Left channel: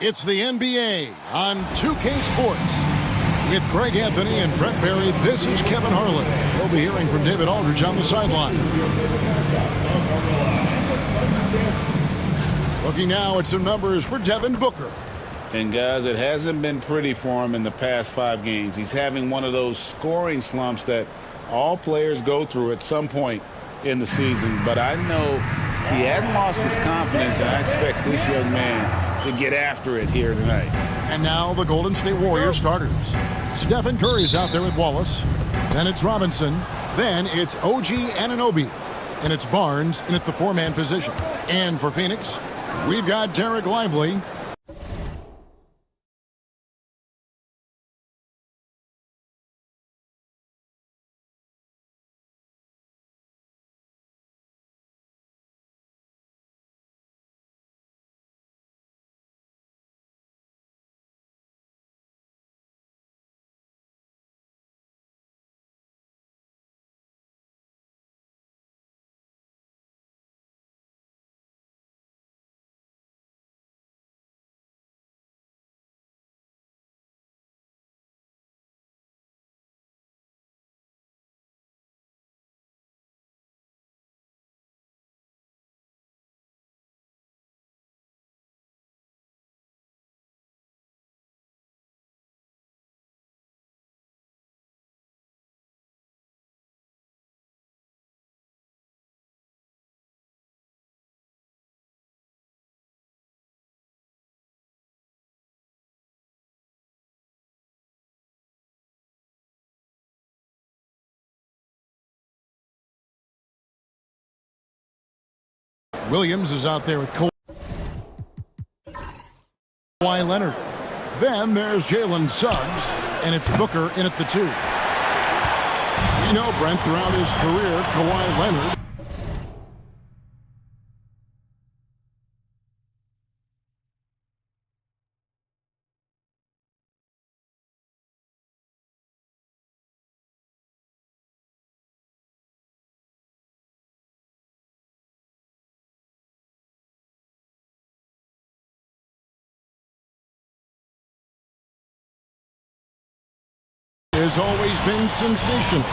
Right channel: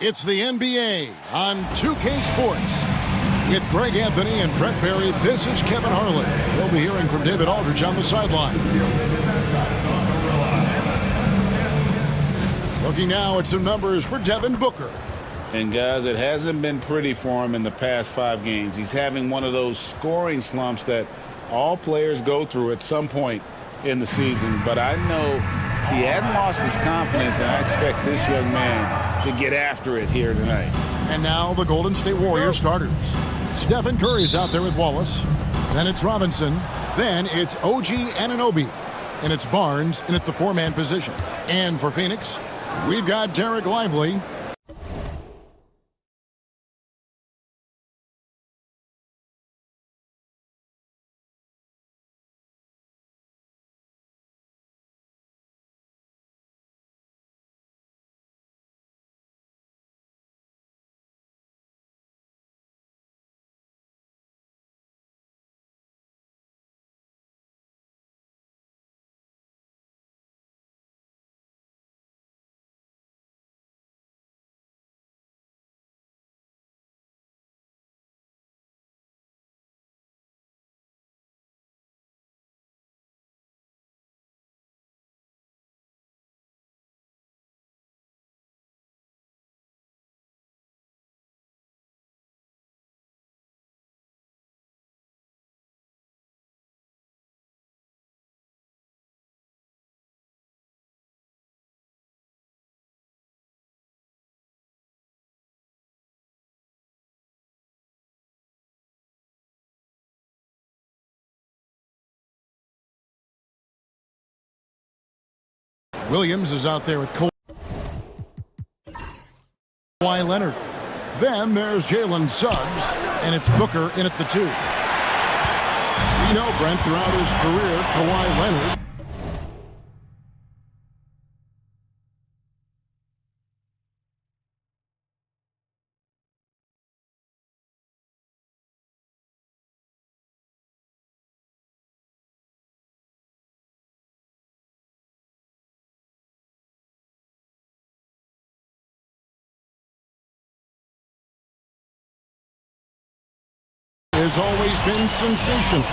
It's the NBA on 2K Sports. With Greg Anthony and Brent Barry, this is Kevin Harlan. You'll be hearing from David Aldridge on the sideline. Looking now at some numbers for Devin Booker. And guys, it hasn't been pretty for him in the past 5 games. He's having one of those scoring slumps that all players go through at some point in the season. But I know he hadn't lost his confidence, and I expect this young man to get after it here tonight. And now the Golden State Warriors starters. Stephen Curry's out there with Wallace. Then it's Robinson. Then it's OG Anunoby. And it's Barnes in at the 4-man position. And for Phoenix, we've got Derek Lively. Williams is out there with Kawhi Leonard. Then there's Jalen Suggs, and it's Booker in at the 2. We know, Brent, throughout his career, Kawhi Leonard has always been sensational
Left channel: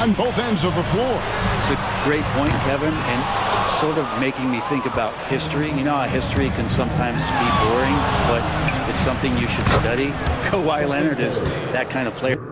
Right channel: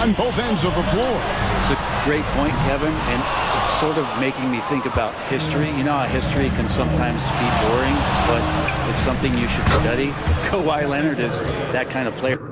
on both ends of the floor. It's a great point, Kevin, and it's sort of making me think about history. You know how history can sometimes be boring, but it's something you should study. Kawhi Leonard is that kind of player.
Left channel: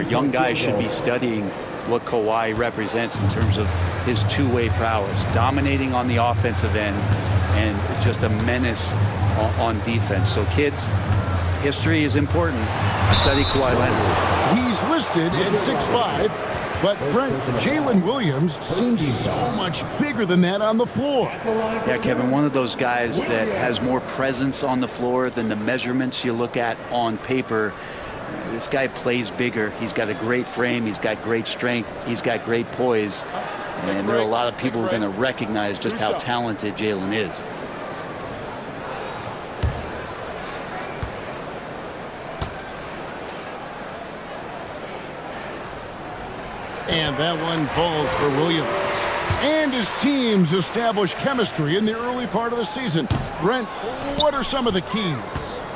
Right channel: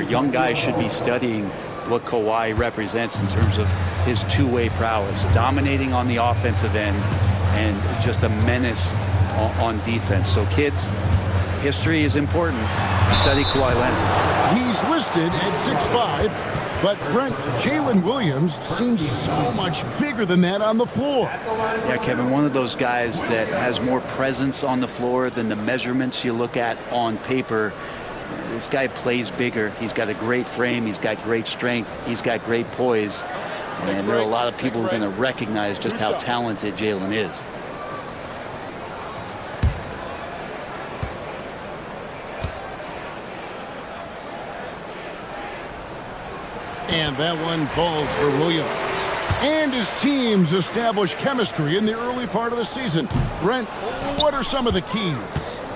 Young guys should be studying what Kawhi represents in terms of his two-way prowess, dominating on the offensive end and just a menace on defense. So kids, history is important. Study Kawhi Leonard. He's listed at 6'5", but Brent, Jalen Williams seems so much bigger than that on the floor. Yeah, Kevin, one of those guys that has more presence on the floor than the measurements you look at on paper. This guy plays bigger. He's got a great frame. He's got great strength. He's got great poise. And there are a lot of people who are going to recognize just how talented Jalen is. And that one falls for Williams. And his teams establish chemistry in the early part of the season. Brent, what are some of the keys?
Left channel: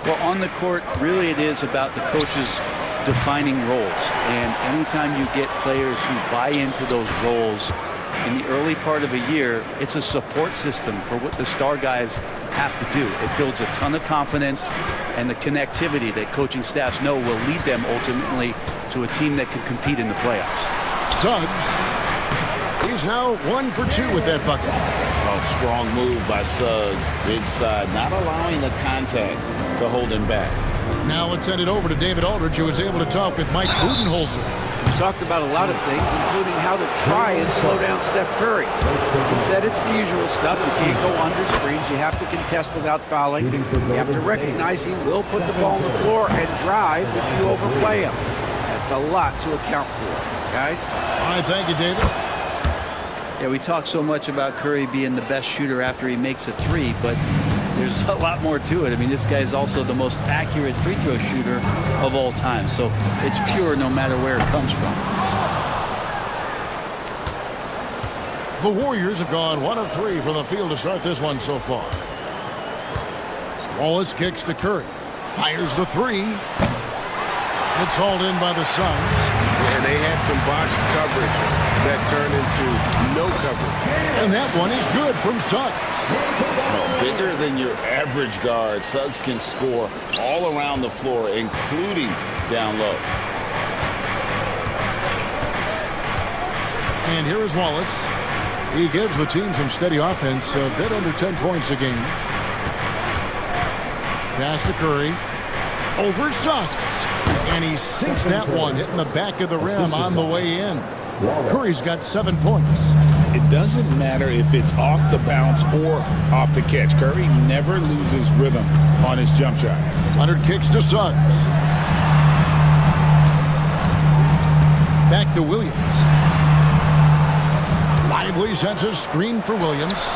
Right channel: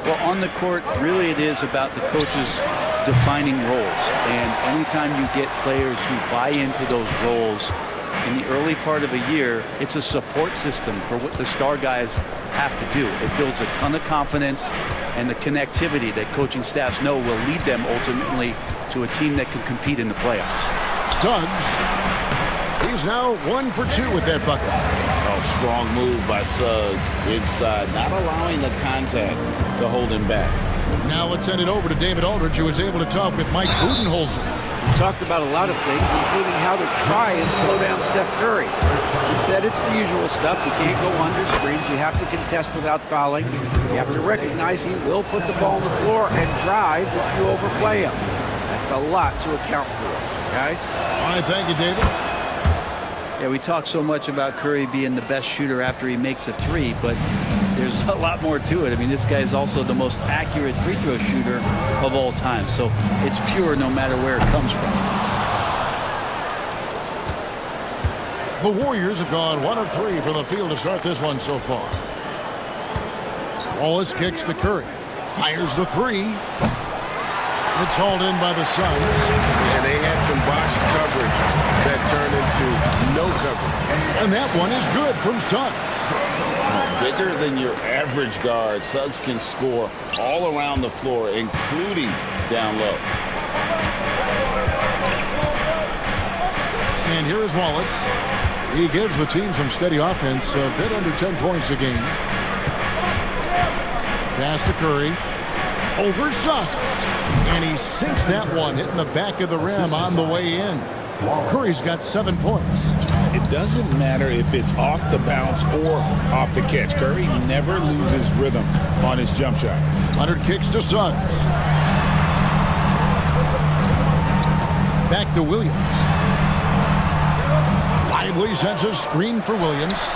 Well, on the court, really it is about the coaches defining roles. And anytime you get players who buy into those roles in the early part of a year, it's a support system for what the star guys have to do. It builds a ton of confidence and the connectivity that coaching staffs know will lead them ultimately to a team that can compete in the playoffs. Suggs, he's now 1 for 2 with that bucket. Oh, strong move by Suggs inside, not allowing the contact to hold him back. Now let's send it over to David Aldridge, who was able to talk with Mike Budenholzer. He talked about a lot of things, including how to try and slow down Steph Curry. He said it's the usual stuff. You can't go under screens. You have to contest without fouling. You have to recognize he will put the ball on the floor and drive if you overplay him. That's a lot to account for, guys. All right, thank you, David. Yeah, we talk so much about Curry being the best shooter after he makes a three, but there's a lot more to it. I mean, this guy is also the most accurate free throw shooter of all time. So it's pure no matter where it comes from. The Warriors have gone 1 of 3 from the field to start this one so far. Wallace kicks to Curry. Fires the three. It's hauled in by the Suns. And they had some botched coverage that turned into no coverage. And that one is good from Suggs. Oh, bigger than your average guard, Suggs can score all around the floor, including down low. And here is Wallace. He gives the team some steady offense, a bit under 10 points a game. Pass to Curry. Over Suggs. And he sinks that one, hitting the back of the rim on the way in. Curry's got 7 points. It doesn't matter if it's off the bounce or off the catch. Curry never loses rhythm on his jump shot. Leonard kicks to Suggs. Back to Williams. Lively sends a screen for Williams.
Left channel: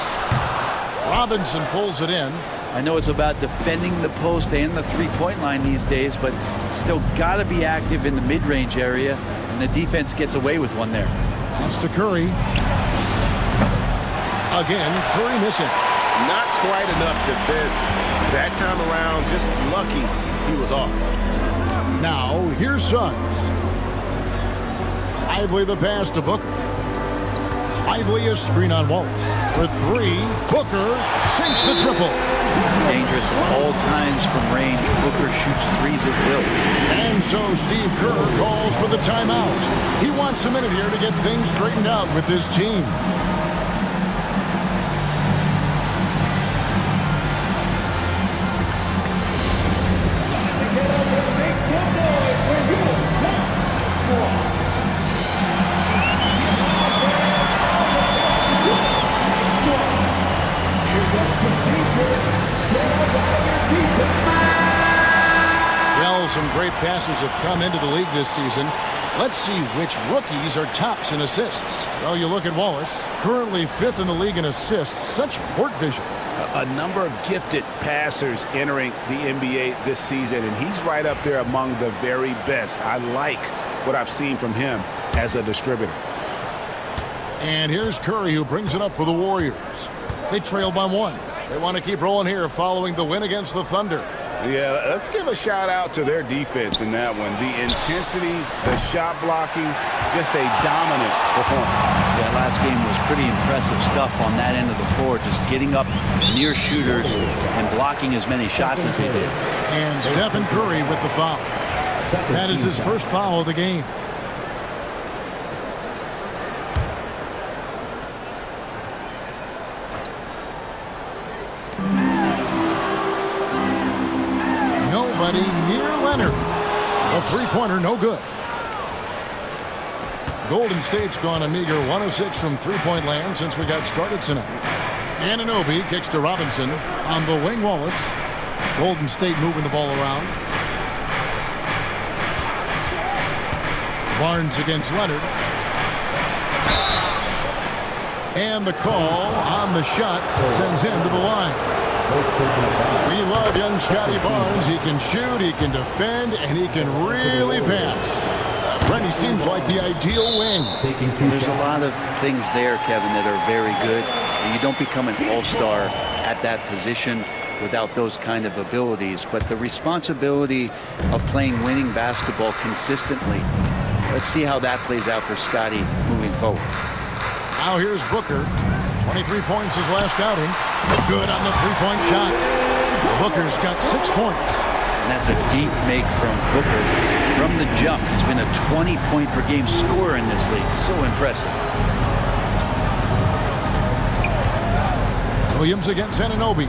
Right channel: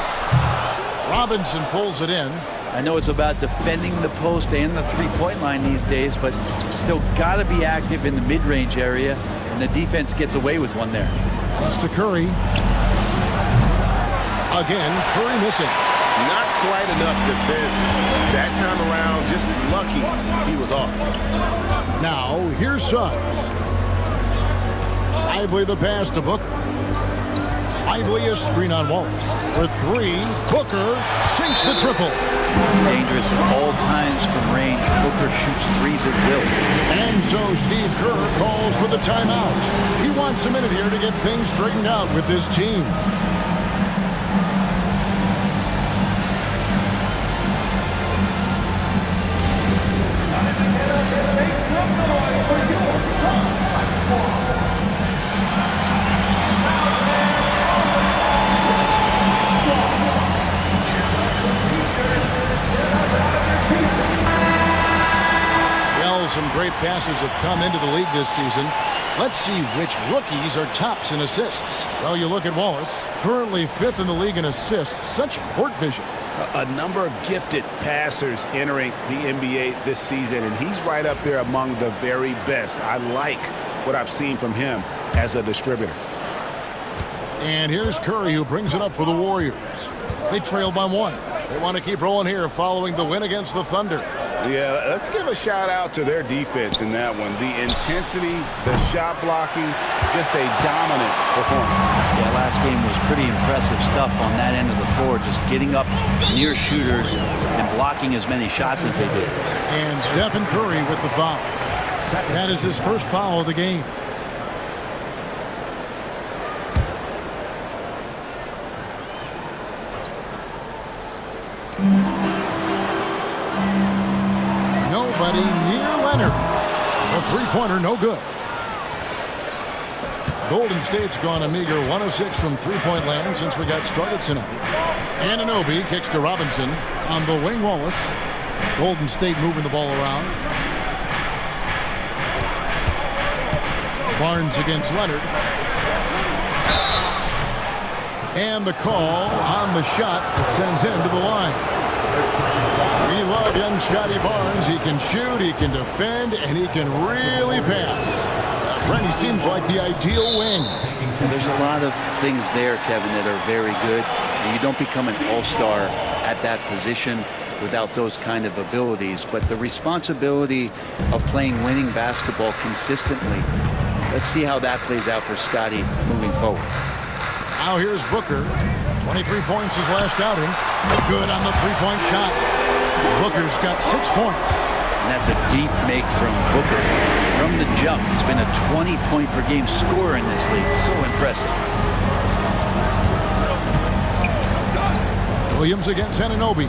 Robinson pulls it in. I know it's about defending the post and the three-point line these days, but still got to be active in the mid-range area, and the defense gets away with one there. Pass to Curry. Again, Curry missing. Not quite enough defense. That time around, just lucky he was off. Now, here's Suggs. Lively the pass to Booker. Lively a screen on Wallace. For three, Booker sinks the triple. Dangerous at all times from range. Booker shoots threes at will. And so Steve Kerr calls for the timeout. He wants a minute here to get things straightened out with his team. Well, some great passes have come into the league this season. Let's see which rookies are tops in assists. Well, you look at Wallace, currently 5th in the league in assists. Such court vision. A number of gifted passers entering the NBA this season, and he's right up there among the very best. I like what I've seen from him as a distributor. And here's Curry, who brings it up for the Warriors. They trail by 1. They want to keep rolling here following the win against the Thunder. Yeah, let's give a shout out to their defense in that one. The intensity, the shot blocking, just a dominant performance. Yeah, last game was pretty impressive stuff on that end of the floor, just getting up near shooters and blocking as many shots as they did. And Stephen Curry with the foul. That is his first foul of the game. Nobody near Leonard. The three-pointer, no good. Golden State's gone a meager 106 from three-point land since we got started tonight. Anunoby kicks to Robinson. On the wing, Wallace. Golden State moving the ball around. Barnes against Leonard. And the call on the shot sends him to the line. We love young Scotty Barnes. He can shoot, he can defend, and he can really pass. Brent, he seems like the ideal wing. There's a lot of things there, Kevin, that are very good. You don't become an all-star at that position without those kind of abilities. But the responsibility of playing winning basketball consistently, let's see how that plays out for Scotty moving forward. Now here's Booker. 23 points his last outing. Good on the three-point shot. Booker's got 6 points. And that's a deep make from Booker. From the jump, he's been a 20-point-per-game scorer in this league. So impressive. Williams against Anunoby.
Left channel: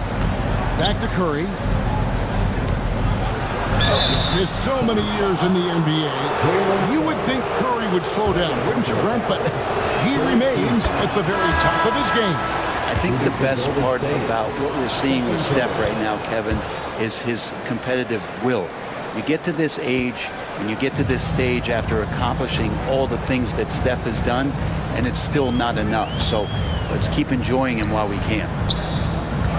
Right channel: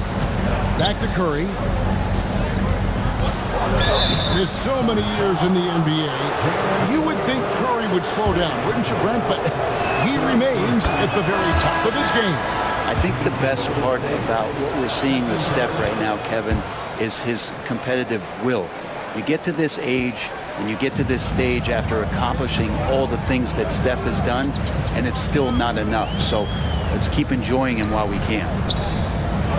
Back to Curry. Missed so many years in the NBA. You would think Curry would slow down, wouldn't you, Brent? But he remains at the very top of his game. I think the best part about what we're seeing with Steph right now, Kevin, is his competitive will. You get to this age and you get to this stage after accomplishing all the things that Steph has done, and it's still not enough. So let's keep enjoying him while we can.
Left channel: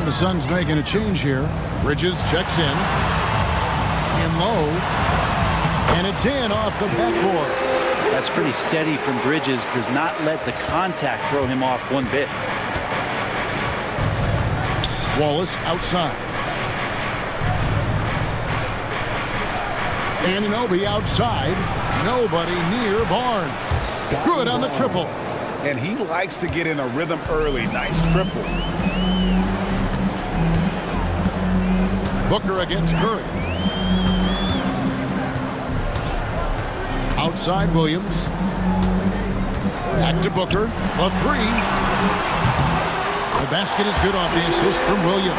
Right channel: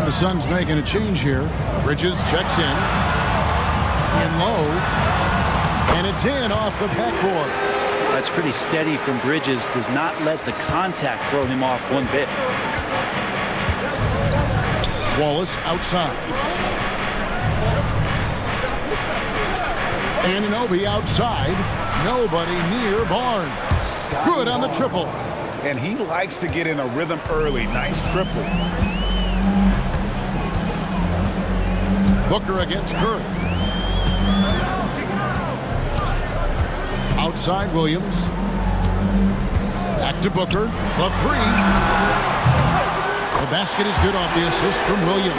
The Suns making a change here. Bridges checks in low, and it's in off the backboard. That's pretty steady from Bridges. Does not let the contact throw him off one bit. Wallace outside. Anunoby outside. Nobody near Barnes. Good on the triple. And he likes to get in a rhythm early. Nice triple. Booker against Curry. Outside Williams. Back to Booker. The three. The basket is good off the assist from Williams.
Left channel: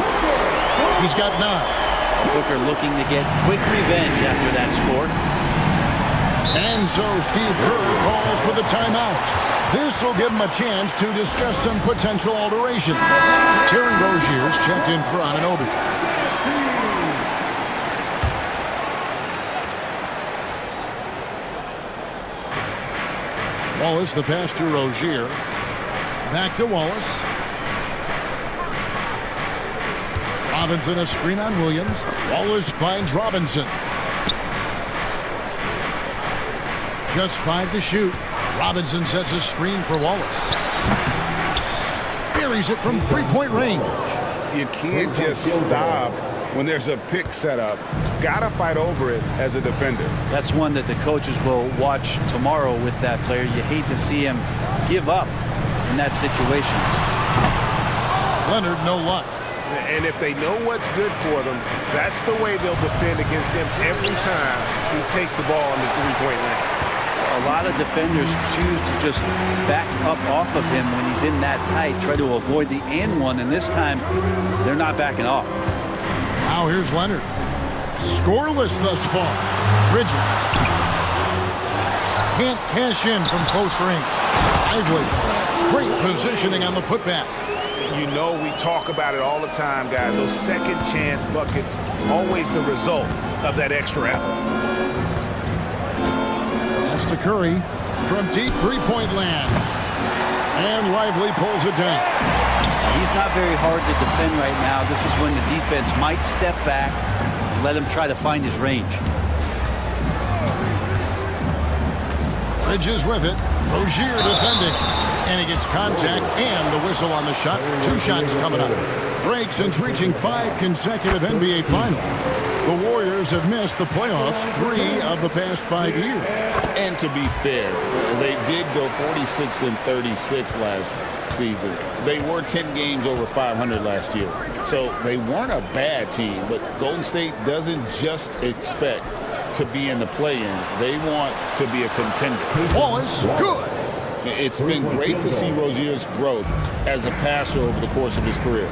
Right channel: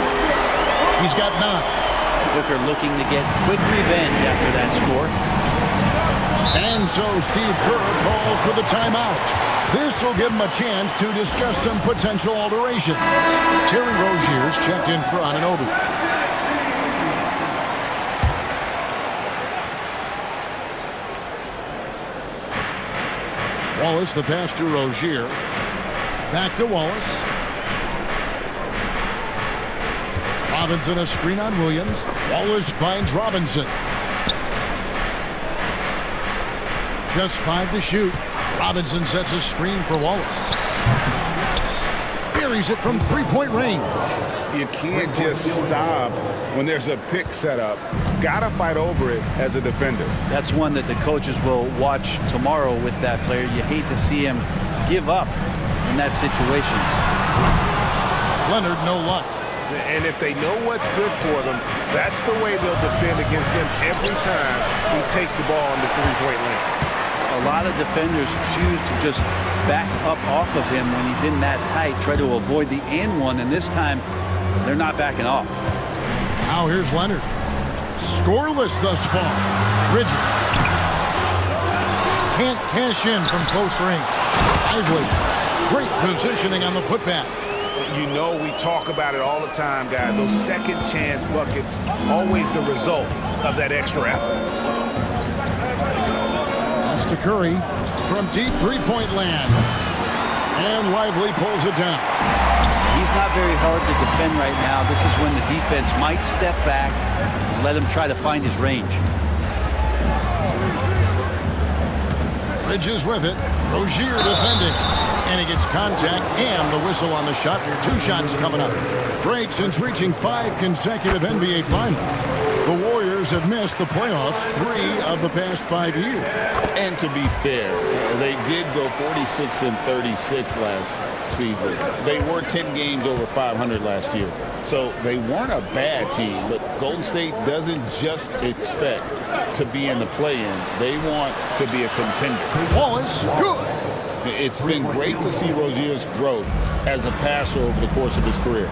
He's got 9. Booker looking to get quick revenge after that score. And so Steve Kerr calls for the timeout. This will give him a chance to discuss some potential alterations. Terry Rozier's checked in for Anunoby. Wallace, the pass to Rozier. Back to Wallace. Robinson, a screen on Williams. Wallace finds Robinson. Just 5 to shoot. Robinson sets a screen for Wallace. Buries it from three-point range. You can't just stop when there's a pick set up. Gotta fight over it as a defender. That's one that the coaches will watch tomorrow with that player. You hate to see him give up in that situation. Leonard, no luck. And if they know what's good for them, that's the way they'll defend against him every time he takes the ball in the three-point lane. A lot of defenders choose to just back up off of him when he's in that tight, try to avoid the and one, and this time they're not backing off. Now here's Leonard. Scoreless thus far. Bridges. Can't cash in from close range. Lively. Great positioning on the putback. You know we talk about it all the time, guys. Those second chance buckets, always the result of that extra effort. Pass to Curry from deep three-point land. And Lively pulls it down. He's not very hard to defend right now. This is when the defense might step back and let him try to find his range. Bridges with it. Rozier defending. And he gets contact and the whistle on the shot. 2 shots coming up. Break since reaching 5 consecutive NBA Finals. The Warriors have missed the playoffs 3 of the past 5 years. And to be fair, they did go 46-36 last season. They were 10 games over 500 last year. So they weren't a bad team, but Golden State doesn't just expect to be in the play-in. They want to be a contender. Wallace, good. It's been great to see Rozier's growth as a passer over the course of his career.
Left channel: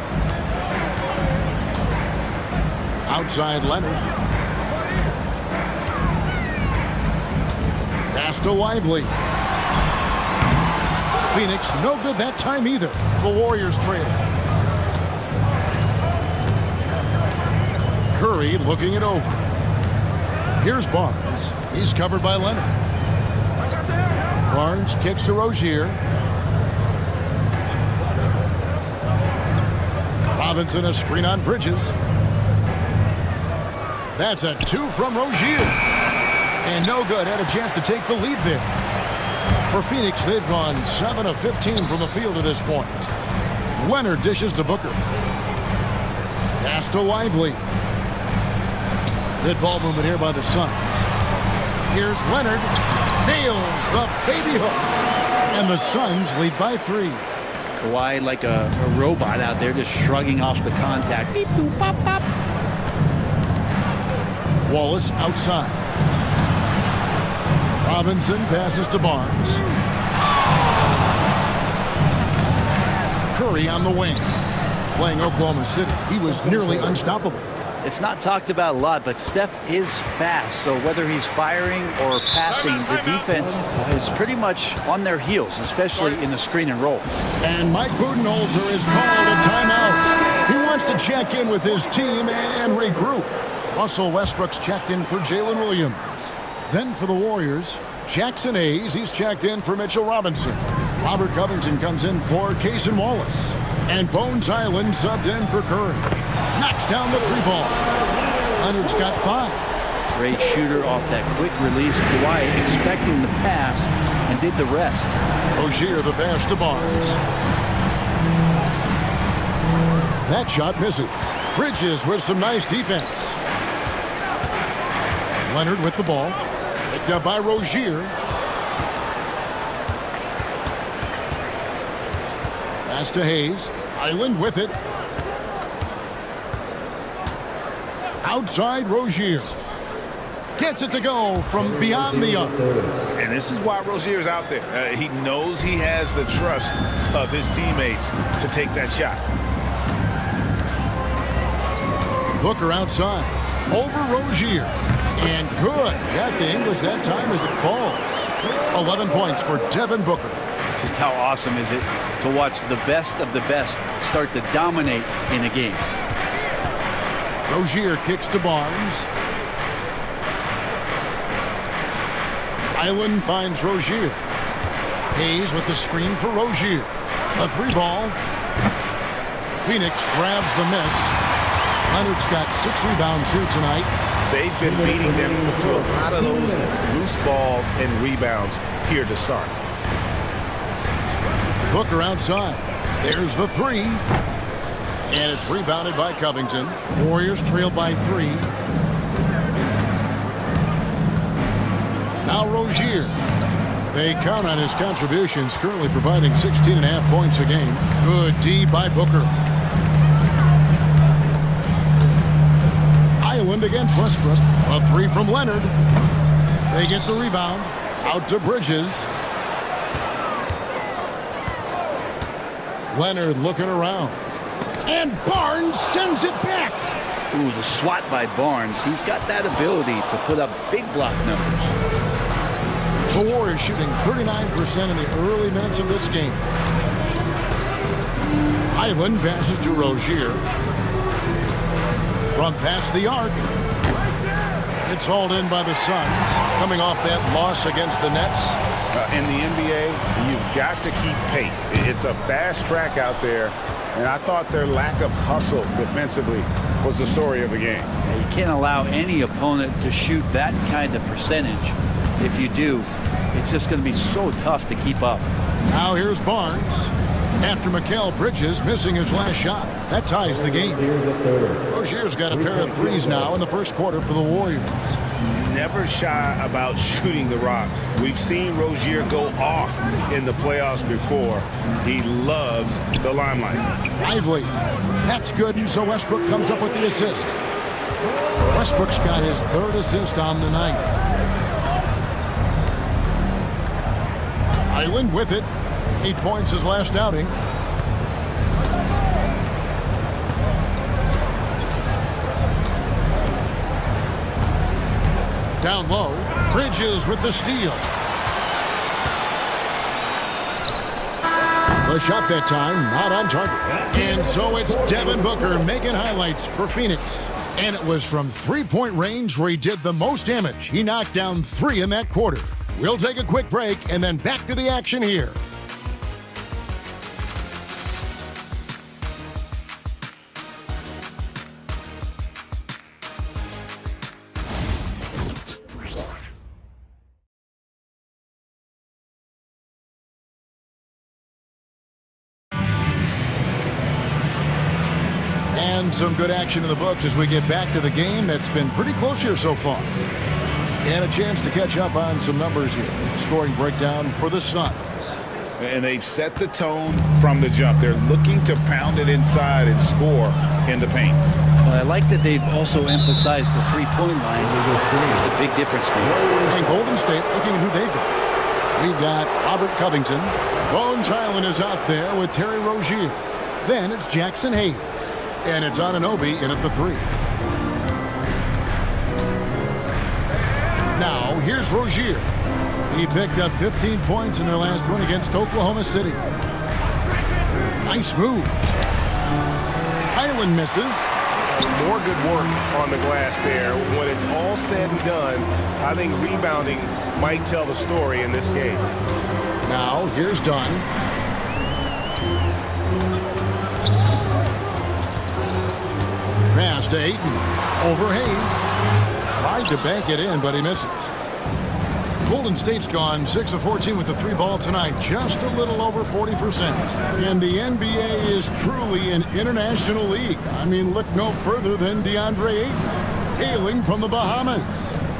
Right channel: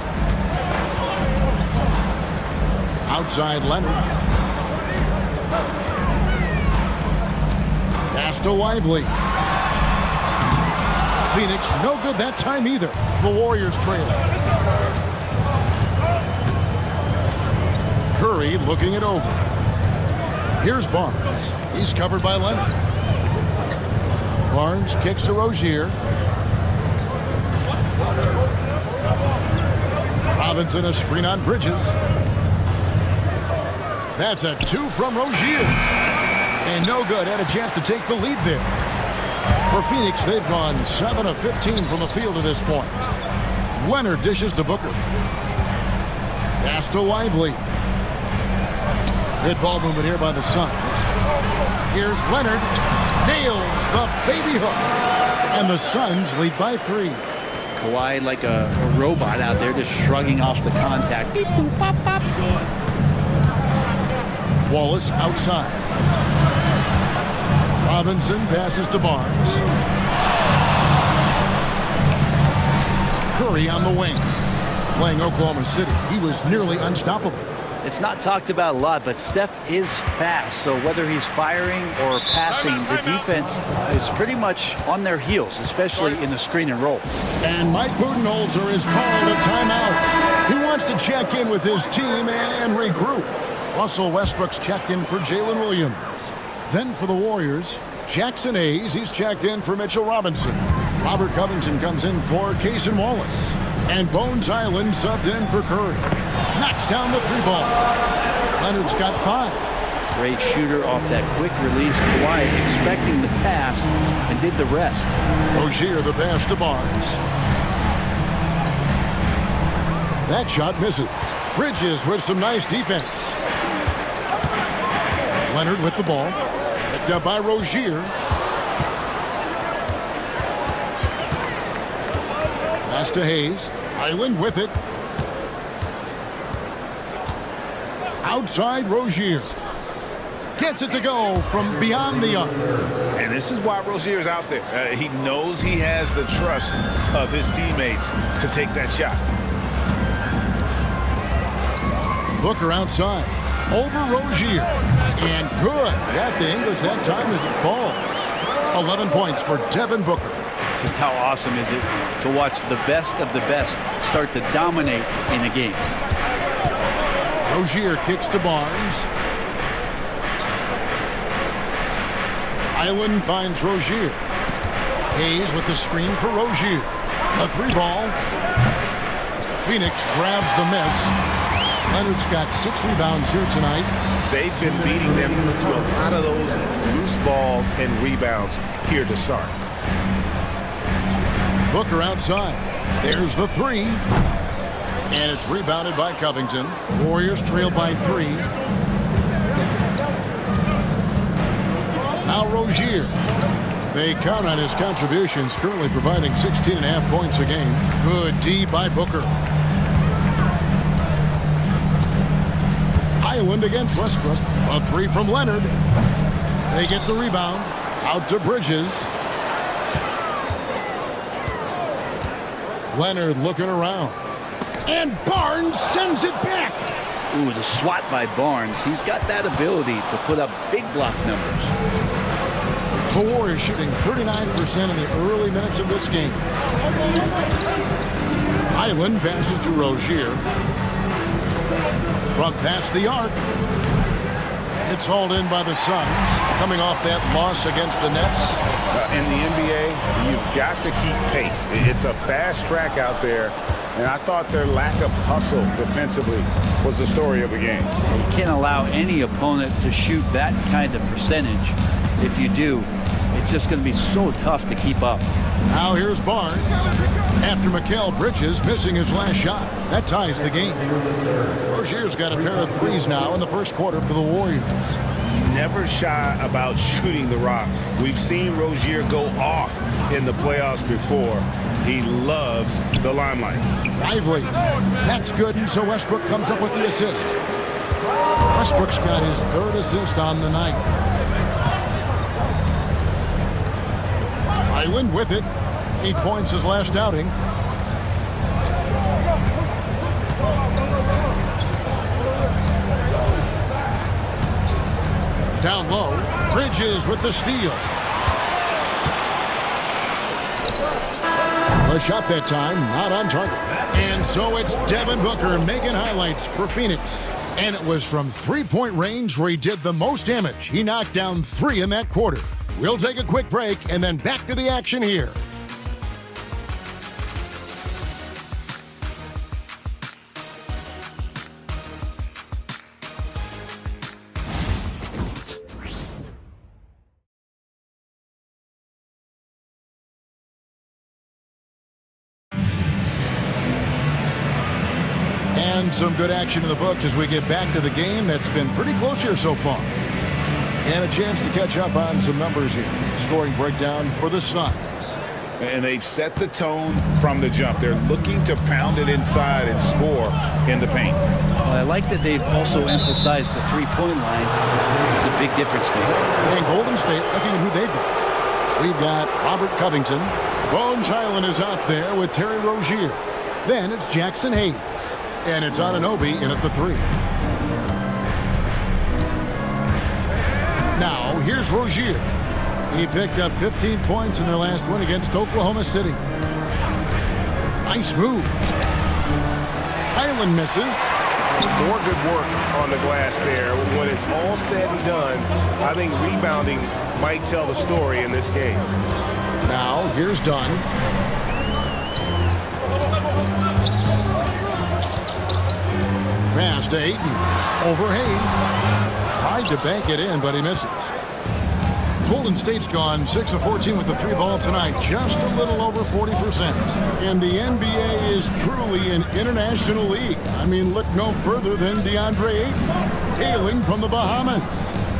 Outside Leonard. Pass to Lively. Phoenix, no good that time either. The Warriors trailing. Curry looking it over. Here's Barnes. He's covered by Leonard. Barnes kicks to Rozier. Robinson a screen on Bridges. That's a 2 from Rozier. And no good. Had a chance to take the lead there. For Phoenix, they've gone 7 of 15 from the field to this point. Leonard dishes to Booker. Pass to Lively. Good ball movement here by the Suns. Here's Leonard. Nails the baby hook. And the Suns lead by 3. Kawhi like a robot out there just shrugging off the contact. Beep, boop, bop, bop. Wallace outside. Robinson passes to Barnes. Curry on the wing. Playing Oklahoma City, he was nearly unstoppable. It's not talked about a lot, but Steph is fast. So whether he's firing or passing, the defense is pretty much on their heels, especially in the screen and roll. And Mike Budenholzer is called a timeout. He wants to check in with his team and regroup. Russell Westbrook's checked in for Jalen Williams. Then for the Warriors, Jackson Hayes, he's checked in for Mitchell Robinson. Robert Covington comes in for Cason Wallace. And Bones Island subbed in for Curry. Knocks down the 3-ball. Leonard's got 5. Great shooter off that quick release. Kawhi expecting the pass and did the rest. Rozier the pass to Barnes. That shot misses. Bridges with some nice defense. Leonard with the ball. Picked up by Rozier. Pass to Hayes. Island with it. Outside Rozier. Gets it to go from beyond the arc. And this is why Rozier's out there. He knows he has the trust of his teammates to take that shot. Booker outside. Over Rozier. And good. Got the English that time as it falls. 11 points for Devin Booker. Just how awesome is it to watch the best of the best start to dominate in a game. Rozier kicks to Barnes. Island finds Rozier. Hayes with the screen for Rozier. A 3-ball. Phoenix grabs the miss. Leonard's got 6 rebounds here tonight. They've been beating them to a lot of those loose balls and rebounds here to start. Booker outside. There's the 3. And it's rebounded by Covington. Warriors trail by 3. Now Rozier. They count on his contributions, currently providing 16.5 points a game. Good D by Booker. Island against Westbrook. A 3 from Leonard. They get the rebound. Out to Bridges. Leonard looking around. And Barnes sends it back. Ooh, the swat by Barnes. He's got that ability to put up big block numbers. The Warriors shooting 39% in the early minutes of this game. Island passes to Rozier. From past the arc. It's hauled in by the Suns, coming off that loss against the Nets. In the NBA, you've got to keep pace. It's a fast track out there, and I thought their lack of hustle defensively was the story of the game. You can't allow any opponent to shoot that kind of percentage. If you do, it's just going to be so tough to keep up. Now here's Barnes. After Mikal Bridges missing his last shot. That ties the game. Rozier's got a pair of 3s now in the first quarter for the Warriors. Never shy about shooting the rock. We've seen Rozier go off in the playoffs before. He loves the limelight. Lively. That's good, and so Westbrook comes up with the assist. Westbrook's got his 3rd assist on the night. Highland with it. 8 points his last outing. Down low. Bridges with the steal. The shot that time, not on target. And so it's Devin Booker making highlights for Phoenix. And it was from three-point range where he did the most damage. He knocked down 3 in that quarter. We'll take a quick break and then back to the action here. And some good action in the books as we get back to the game that's been pretty close here so far. And a chance to catch up on some numbers here. Scoring breakdown for the Suns. And they've set the tone from the jump. They're looking to pound it inside and score in the paint. Well, I like that they've also emphasized the three-point line. It's a big difference maker. And Golden State looking at who they've got. We've got Robert Covington. Bones Highland is out there with Terry Rozier. Then it's Jackson Hayes. And it's Anunoby in at the 3. Now, here's Rozier. He picked up 15 points in their last win against Oklahoma City. Nice move. Highland misses. More good work on the glass there. When it's all said and done, I think rebounding might tell the story in this game. Now, here's Dunn. Pass to Ayton. Over Hayes. Tried to bank it in, but he misses. Golden State's gone 6 of 14 with the 3 ball tonight, just a little over 40%. And the NBA is truly an international league. I mean, look no further than DeAndre Ayton, hailing from the Bahamas.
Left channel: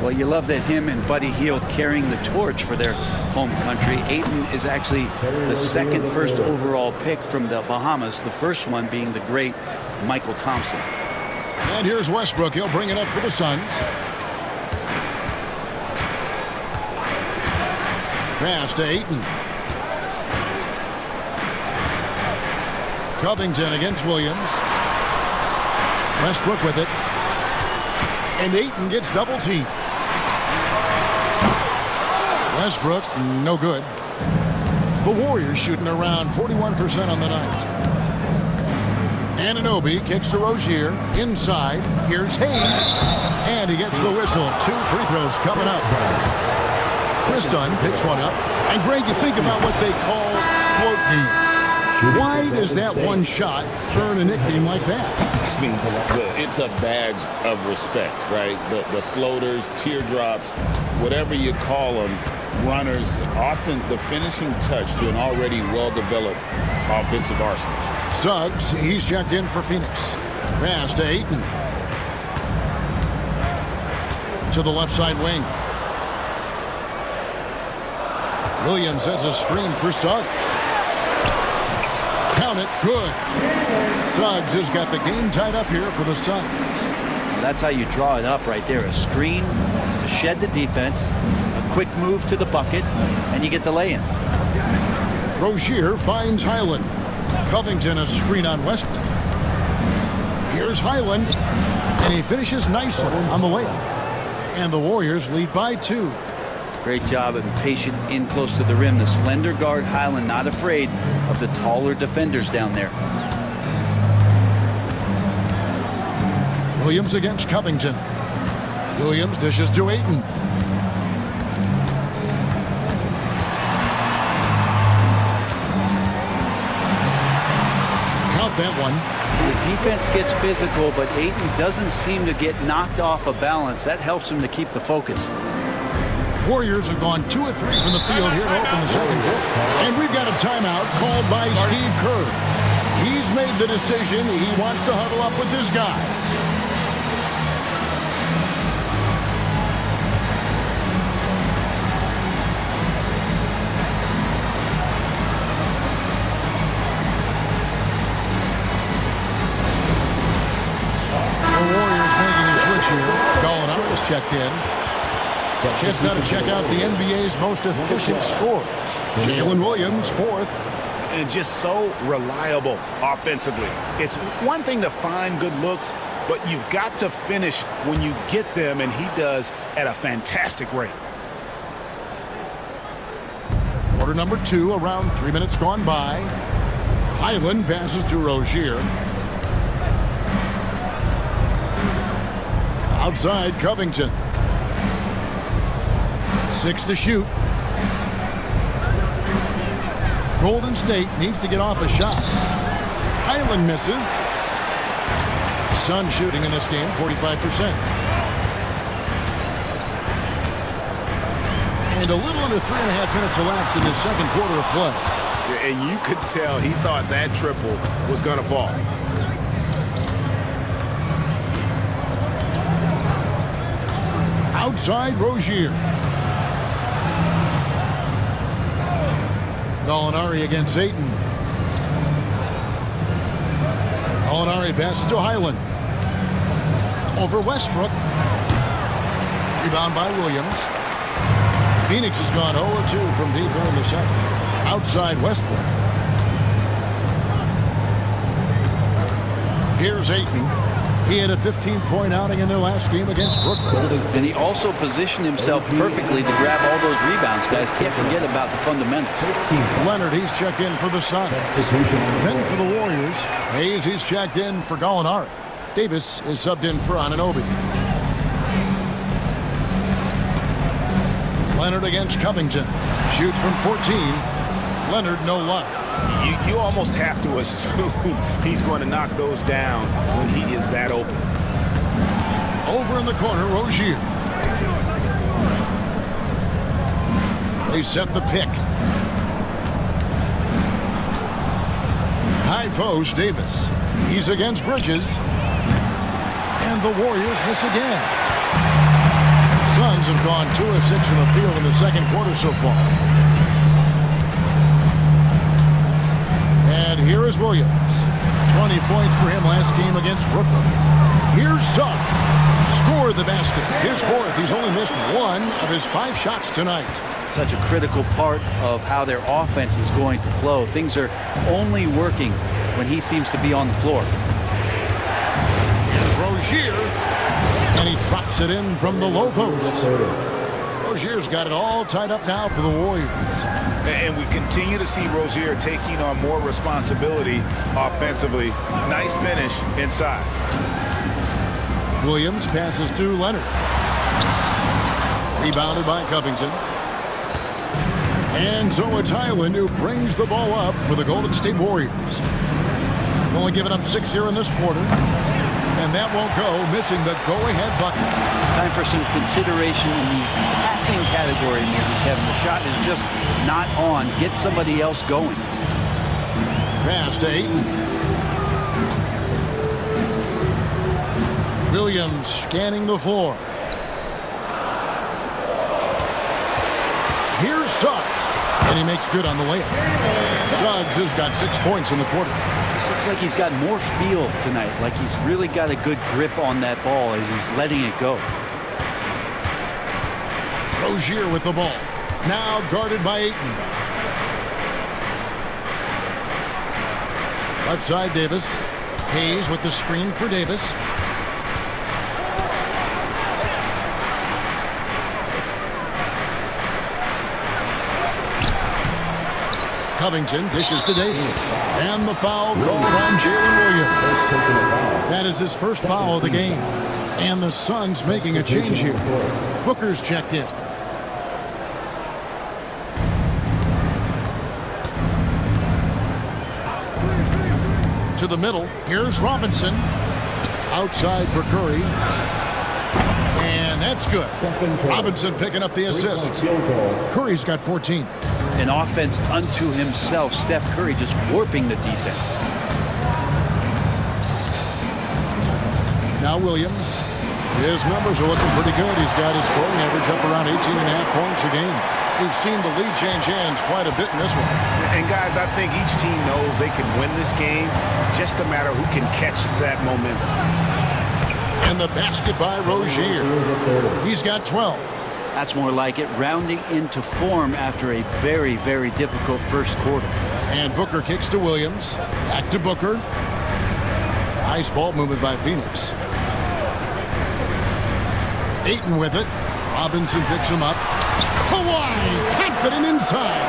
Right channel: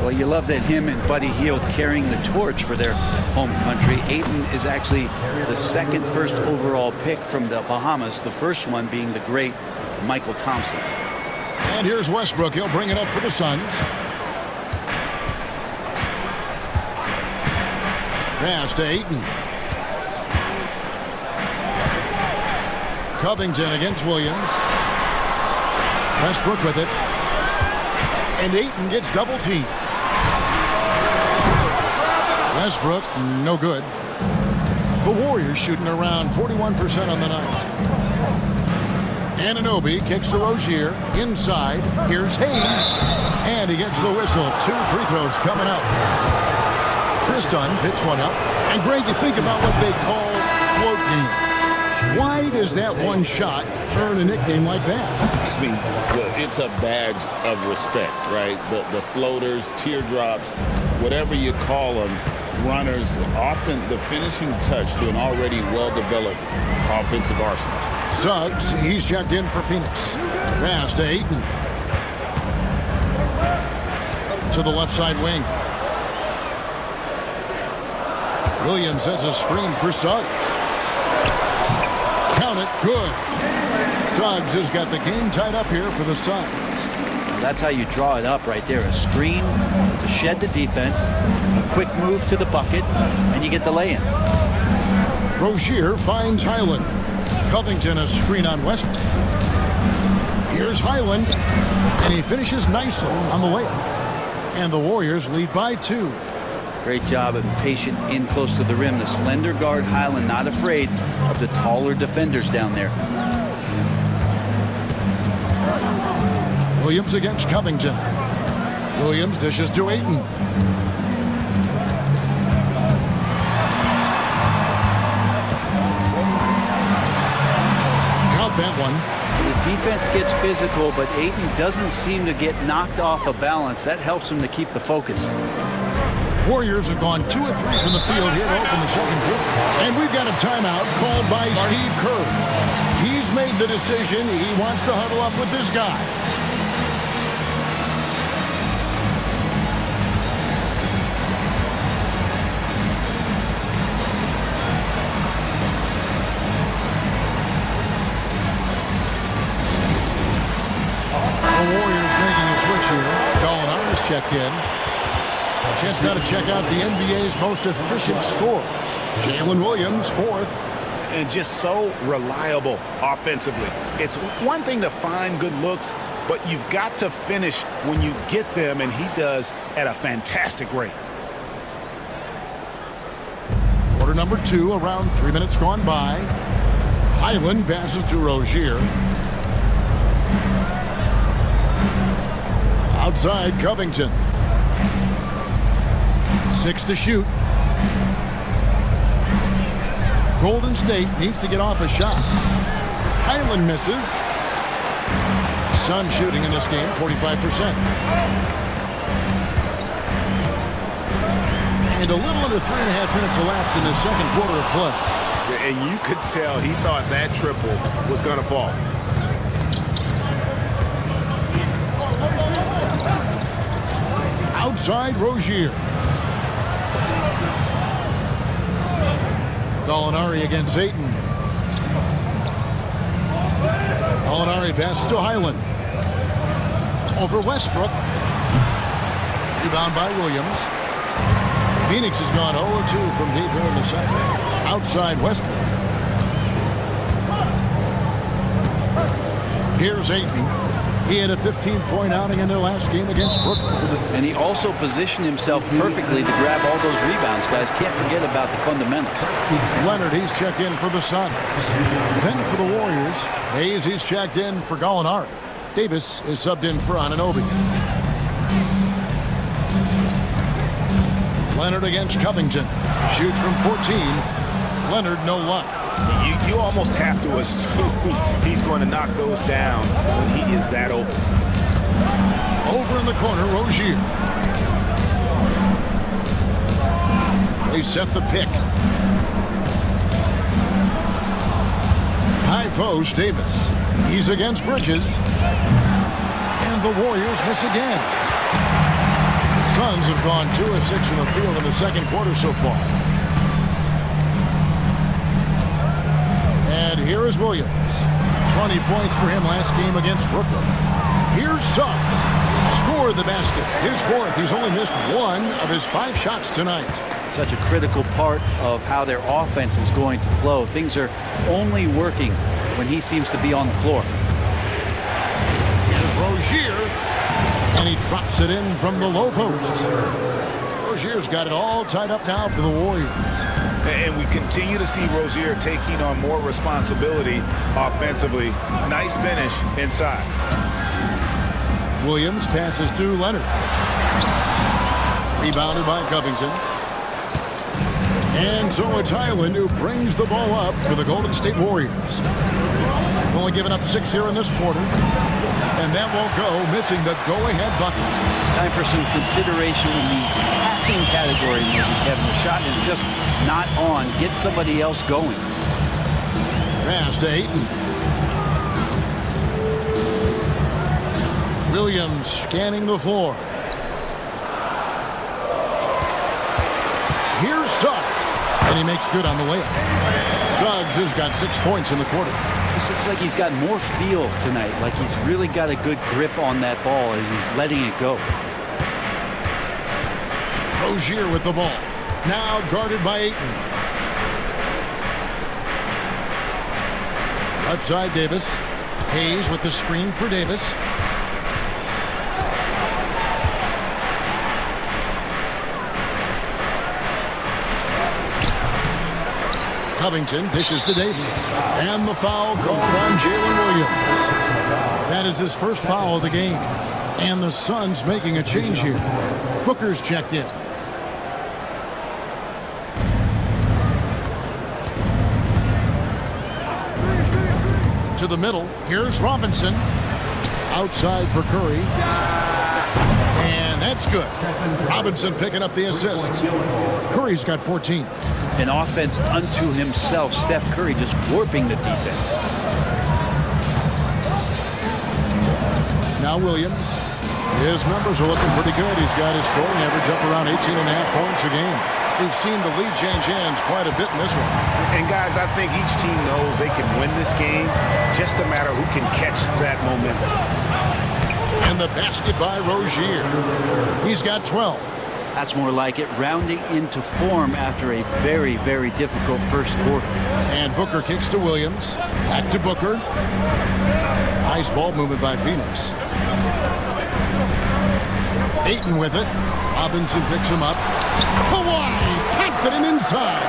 Well, you love that him and Buddy Hield carrying the torch for their home country. Ayton is actually the 2nd first overall pick from the Bahamas, the first one being the great Michael Thompson. And here's Westbrook. He'll bring it up for the Suns. Pass to Ayton. Covington against Williams. Westbrook with it. And Ayton gets double teamed. Westbrook, no good. The Warriors shooting around 41% on the night. Anunoby kicks to Rozier. Inside. Here's Hayes. And he gets the whistle. 2 free throws coming up. Chris Dunn picks one up. And Greg, you think about what they call float games. Why does that one shot earn a nickname like that? I mean, it's a badge of respect, right? The floaters, teardrops, whatever you call them, runners, often the finishing touch to an already well-developed offensive arsenal. Suggs, he's checked in for Phoenix. Pass to Ayton. To the left side wing. Williams sets a screen for Suggs. Count it, good. Suggs has got the game tied up here for the Suns. Well, that's how you draw it up right there. A screen to shed the defense, a quick move to the bucket, and you get the lay-in. Rozier finds Highland. Covington a screen on Westbrook. Here's Highland, and he finishes nicely on the layup. And the Warriors lead by 2. Great job and patient in close to the rim. The slender guard Highland not afraid of the taller defenders down there. Williams against Covington. Williams dishes to Ayton. Count that one. The defense gets physical, but Ayton doesn't seem to get knocked off of balance. That helps him to keep the focus. Warriors have gone 2 of 3 from the field here to open the second quarter. And we've got a timeout called by Steve Kerr. He's made the decision. He wants to huddle up with this guy. The Warriors making a switch here. Gallinari is checked in. Chance now to check out the NBA's most efficient scorers. Jalen Williams, fourth. And just so reliable offensively. It's one thing to find good looks, but you've got to finish when you get them, and he does at a fantastic rate. Quarter number 2, around 3 minutes gone by. Highland passes to Rozier. Outside, Covington. 6 to shoot. Golden State needs to get off a shot. Highland misses. Sun shooting in this game, 45%. And a little under 3.5 minutes elapsed in this second quarter of play. And you could tell he thought that triple was going to fall. Outside, Rozier. Gallinari against Ayton. Gallinari passes to Highland. Over Westbrook. Rebound by Williams. Phoenix has gone 0-2 from deep here in the second. Outside Westbrook. Here's Ayton. He had a 15-point outing in their last game against Brooklyn. And he also positioned himself perfectly to grab all those rebounds, guys. Can't forget about the fundamentals. Leonard, he's checked in for the Suns. Then for the Warriors, Hayes, he's checked in for Gallinari. Davis is subbed in for Anunoby. Leonard against Covington. Shoots from 14. Leonard, no luck. You almost have to assume he's going to knock those down when he is that open. Over in the corner, Rozier. They set the pick. High post, Davis. He's against Bridges. And the Warriors miss again. Suns have gone 2 of 6 in the field in the second quarter so far. And here is Williams. 20 points for him last game against Brooklyn. Here's Suggs. Scored the basket. His fourth. He's only missed 1 of his 5 shots tonight. Such a critical part of how their offense is going to flow. Things are only working when he seems to be on the floor. Here's Rozier. And he drops it in from the low post. Rozier's got it all tied up now for the Warriors. And we continue to see Rozier taking on more responsibility offensively. Nice finish inside. Williams passes to Leonard. Rebounded by Covington. And so it's Highland who brings the ball up for the Golden State Warriors. Only given up 6 here in this quarter. And that won't go, missing the go-ahead bucket. Time for some consideration in the passing category, maybe, Kevin. The shot is just not on. Get somebody else going. Pass to Ayton. Williams scanning the floor. Here's Suggs. And he makes good on the layup. Suggs has got 6 points in the quarter. This looks like he's got more feel tonight, like he's really got a good grip on that ball as he's letting it go. Rozier with the ball. Now guarded by Ayton. Left side, Davis. Hayes with the screen for Davis. Covington dishes to Davis. And the foul called on Jalen Williams. That is his first foul of the game. And the Suns making a change here. Booker's checked in. To the middle. Here's Robinson. Outside for Curry. And that's good. Robinson picking up the assist. Curry's got 14. An offense unto himself. Steph Curry just warping the defense. Now Williams. His numbers are looking pretty good. He's got his scoring average up around 18.5 points a game. We've seen the lead change hands quite a bit in this one. And guys, I think each team knows they can win this game. Just a matter who can catch that momentum. And the basket by Rozier. He's got 12. That's more like it, rounding into form after a very, very difficult first quarter. And Booker kicks to Williams. Back to Booker. Nice ball movement by Phoenix. Ayton with it. Robinson picks him up. Kawhi, confident inside.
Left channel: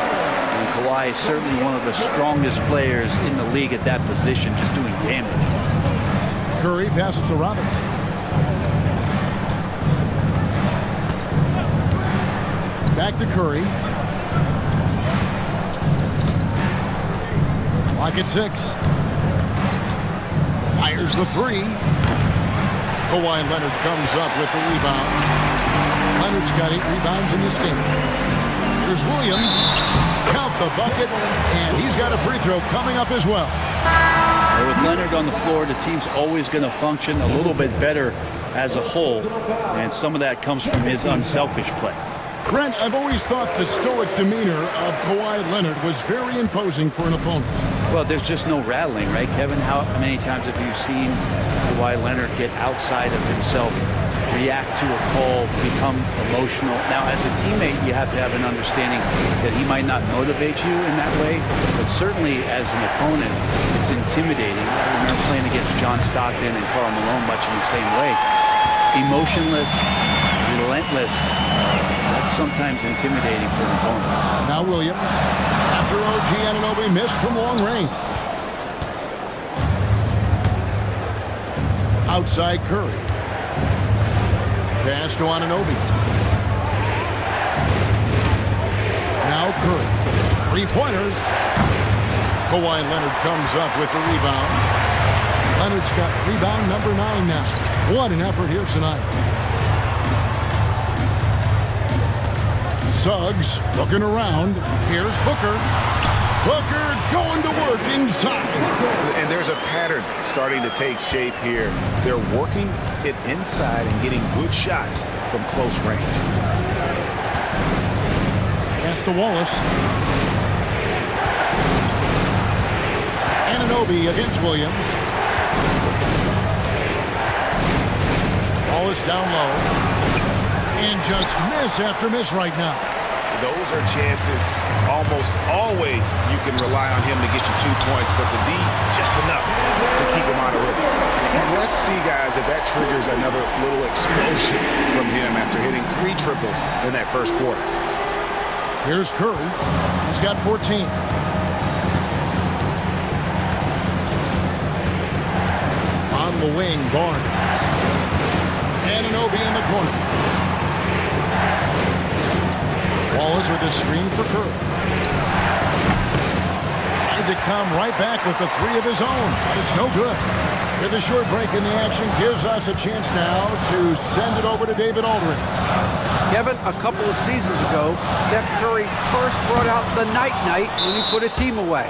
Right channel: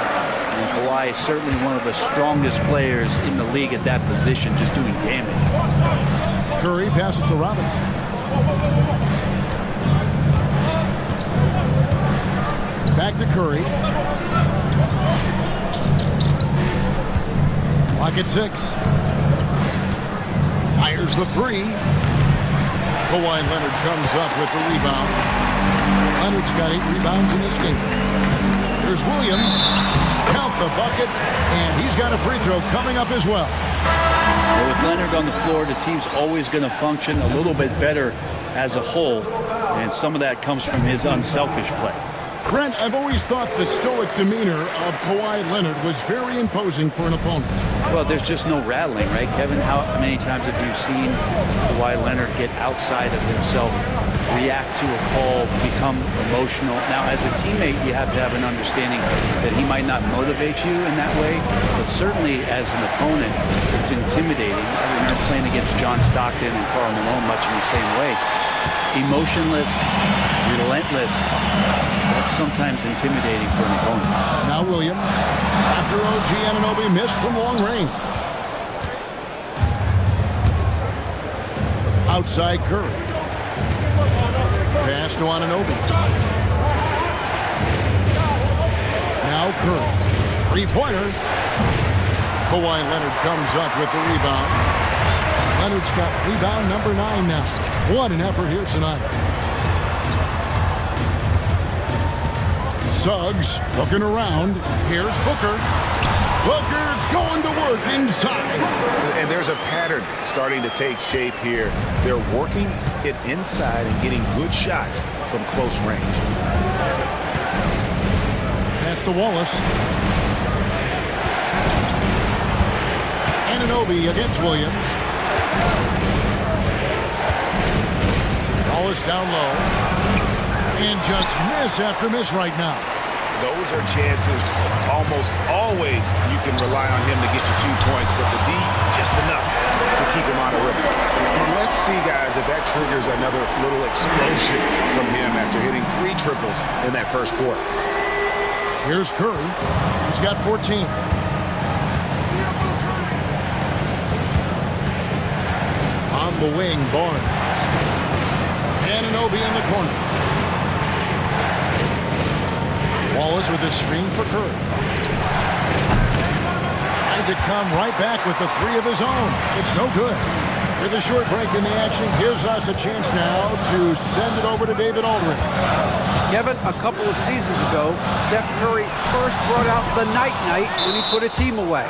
And Kawhi is certainly one of the strongest players in the league at that position, just doing damage. Curry passes to Robinson. Back to Curry. Clock at 6. Fires the 3. Kawhi Leonard comes up with the rebound. Leonard's got 8 rebounds in this game. Here's Williams. Count the bucket, and he's got a free throw coming up as well. Well, with Leonard on the floor, the team's always going to function a little bit better as a whole, and some of that comes from his unselfish play. Brent, I've always thought the stoic demeanor of Kawhi Leonard was very imposing for an opponent. Well, there's just no rattling, right, Kevin? How many times have you seen Kawhi Leonard get outside of himself, react to a call, become emotional? Now, as a teammate, you have to have an understanding that he might not motivate you in that way, but certainly as an opponent, it's intimidating. I remember playing against John Stockton and Karl Malone much in the same way. Emotionless, relentless. That's sometimes intimidating for an opponent. Now Williams, after OG Anunoby missed from long range. Outside Curry. Pass to Anunoby. Now Curry. Three-pointer. Kawhi Leonard comes up with the rebound. Leonard's got rebound number 9 now. What an effort here tonight. Suggs looking around. Here's Booker. Booker going to work inside. And there's a pattern starting to take shape here. They're working it inside and getting good shots from close range. Pass to Wallace. Anunoby against Williams. Wallace down low. And just miss after miss right now. Those are chances. Almost always you can rely on him to get you 2 points, but the D just enough to keep him out of rhythm. And let's see, guys, if that triggers another little explosion from him after hitting 3 triples in that first quarter. Here's Curry. He's got 14. On the wing, Barnes. Anunoby in the corner. Wallace with a screen for Curry. Tried to come right back with the 3 of his own, but it's no good. With a short break in the action, gives us a chance now to send it over to David Aldridge. Kevin, a couple of seasons ago, Steph Curry first brought out the night-night when he put a team away.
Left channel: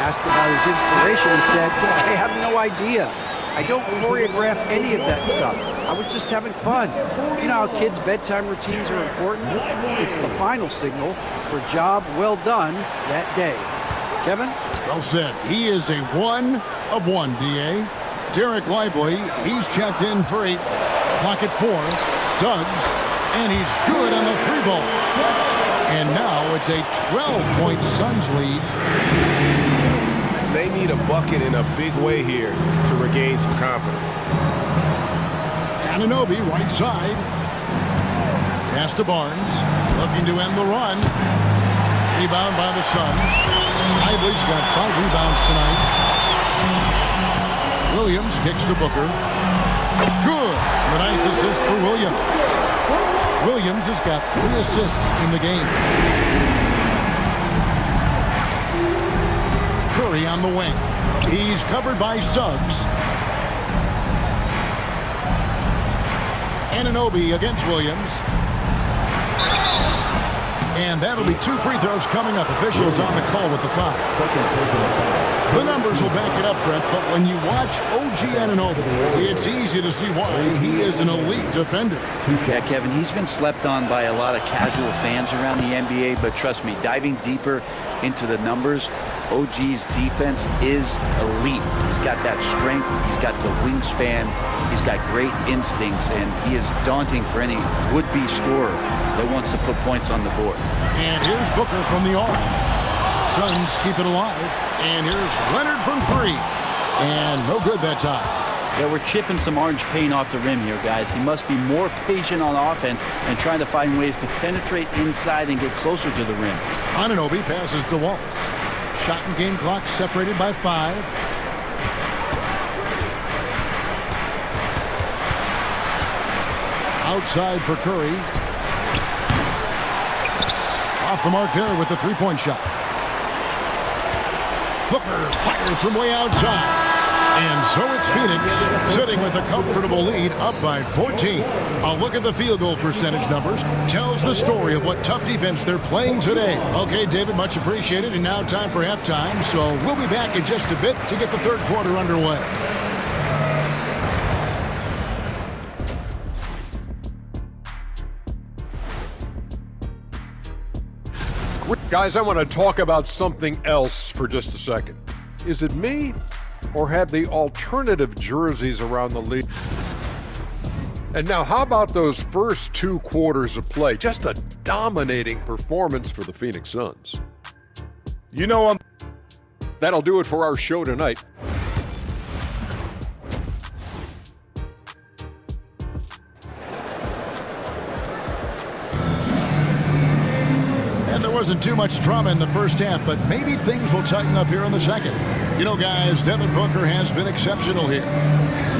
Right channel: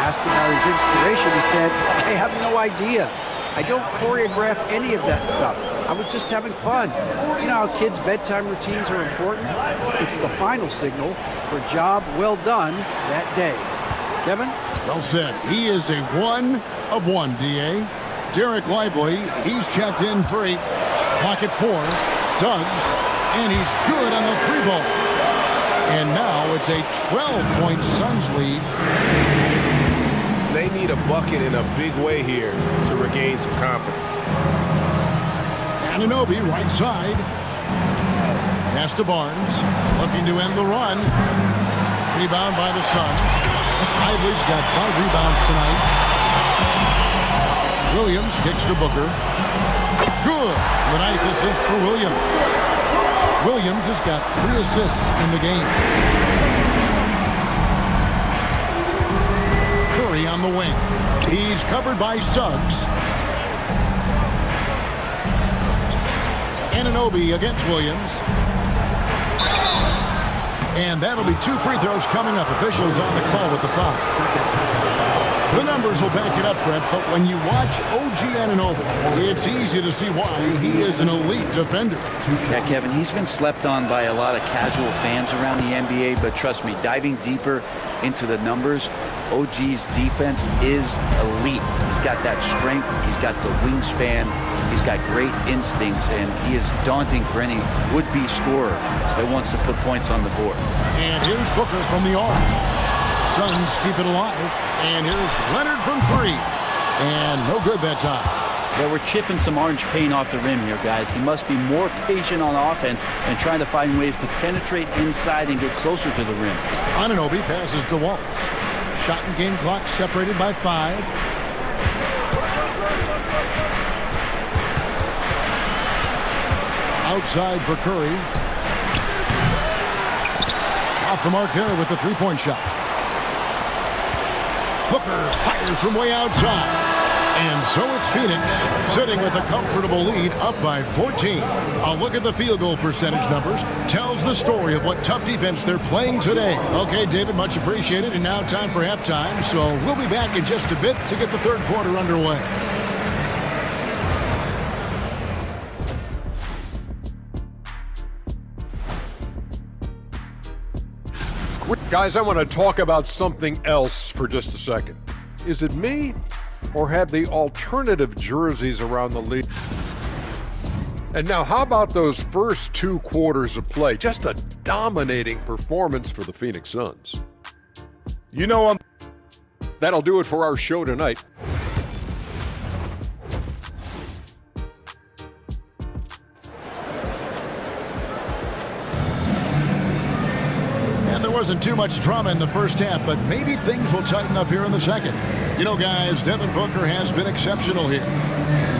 Asked about his inspiration, he said, "I have no idea. I don't choreograph any of that stuff. I was just having fun." You know how kids' bedtime routines are important? It's the final signal for a job well done that day. Kevin? Well said. He is a 1 of 1, D.A. Derek Lively, he's checked in for 8. Clock at 4. Suggs, and he's good on the 3 ball. And now it's a 12-point Suns lead. They need a bucket in a big way here to regain some confidence. Anunoby, right side. Pass to Barnes. Looking to end the run. Rebound by the Suns. Lively's got 5 rebounds tonight. Williams kicks to Booker. Good. The nice assist for Williams. Williams has got 3 assists in the game. Curry on the wing. He's covered by Suggs. Anunoby against Williams. And that'll be 2 free throws coming up. Officials on the call with the foul. The numbers will back it up, Brent, but when you watch OG Anunoby, it's easy to see why he is an elite defender. Yeah, Kevin, he's been slept on by a lot of casual fans around the NBA, but trust me, diving deeper into the numbers, OG's defense is elite. He's got that strength, he's got the wingspan, He's got great instincts, and he is daunting for any would-be scorer that wants to put points on the board. And here's Booker from the arc. Suns keep it alive. And here's Leonard from three. And no good that time. Yeah, we're chipping some orange paint off the rim here, guys. He must be more patient on offense and trying to find ways to penetrate inside and get closer to the rim. Anunoby passes to Wallace. Shot and game clock separated by 5. Outside for Curry. Off the mark there with the three-point shot. Booker fires from way outside. And so it's Phoenix sitting with a comfortable lead up by 14. A look at the field goal percentage numbers tells the story of what tough defense they're playing today. Okay, David, much appreciated. And now time for halftime. So we'll be back in just a bit to get the third quarter underway. Guys, I want to talk about something else for just a second. Is it me, or have the alternative jerseys around the league? And now, how about those first 2 quarters of play? Just a dominating performance for the Phoenix Suns. You know, that'll do it for our show tonight. And there wasn't too much drama in the first half, but maybe things will tighten up here in the second. You know, guys, Devin Booker has been exceptional here.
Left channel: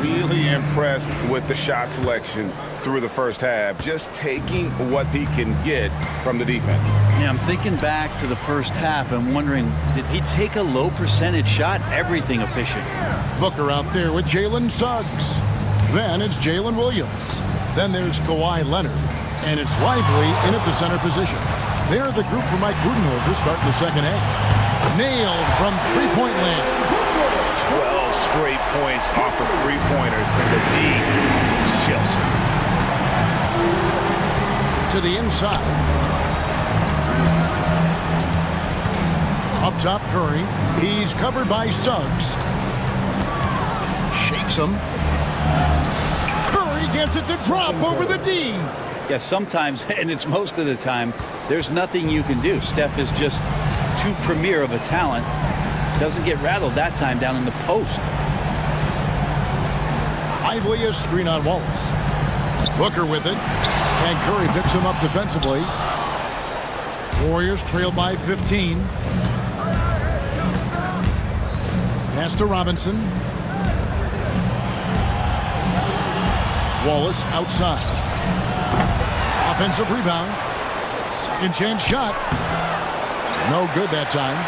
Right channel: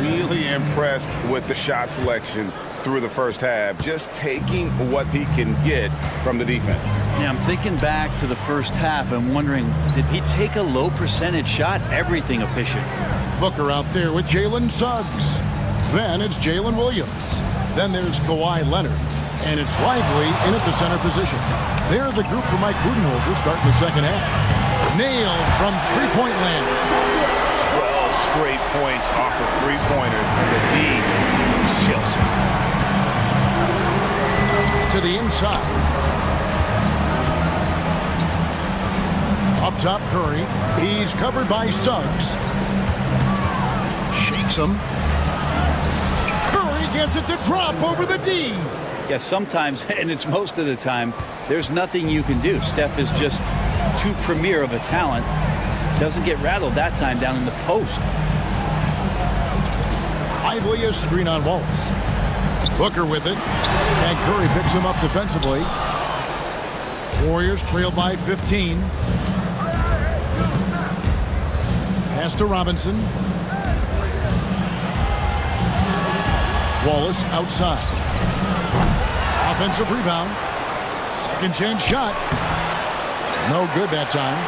Really impressed with the shot selection through the first half, just taking what he can get from the defense. Yeah, I'm thinking back to the first half and wondering, did he take a low percentage shot? Everything efficient. Booker out there with Jalen Suggs. Then it's Jalen Williams. Then there's Kawhi Leonard. And it's Lively in at the center position. They're the group for Mike Budenholzer starting the second half. Nailed from three-point land. 12 straight points off of three-pointers, and the D looks Chelsea. To the inside. Up top, Curry. He's covered by Suggs. Shakes him. Curry gets it to drop over the D. Yeah, sometimes, and it's most of the time, there's nothing you can do. Steph is just too premier of a talent. Doesn't get rattled that time down in the post. Lively a screen on Wallace. Booker with it. And Curry picks him up defensively. Warriors trail by 15. Pass to Robinson. Wallace outside. Offensive rebound. Second chance shot. No good that time.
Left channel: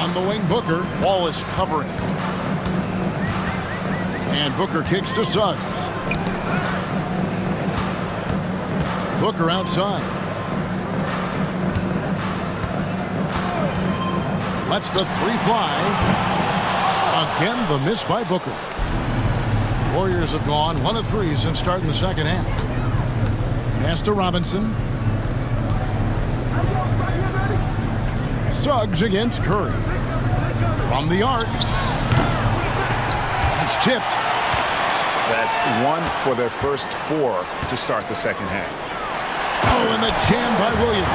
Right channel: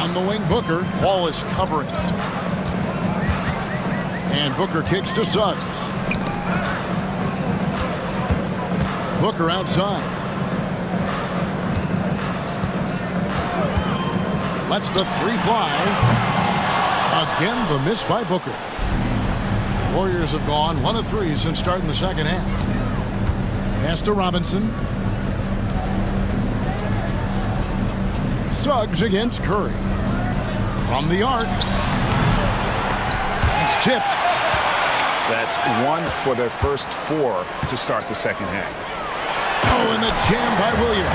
On the wing, Booker. Wallace covering. And Booker kicks to Suggs. Booker outside. Lets the three fly. Again, the miss by Booker. Warriors have gone 1 of 3 since starting the second half. Pass to Robinson. Suggs against Curry. From the arc. It's tipped. That's 1 for their first 4 to start the second half. Oh, and the jam by Williams.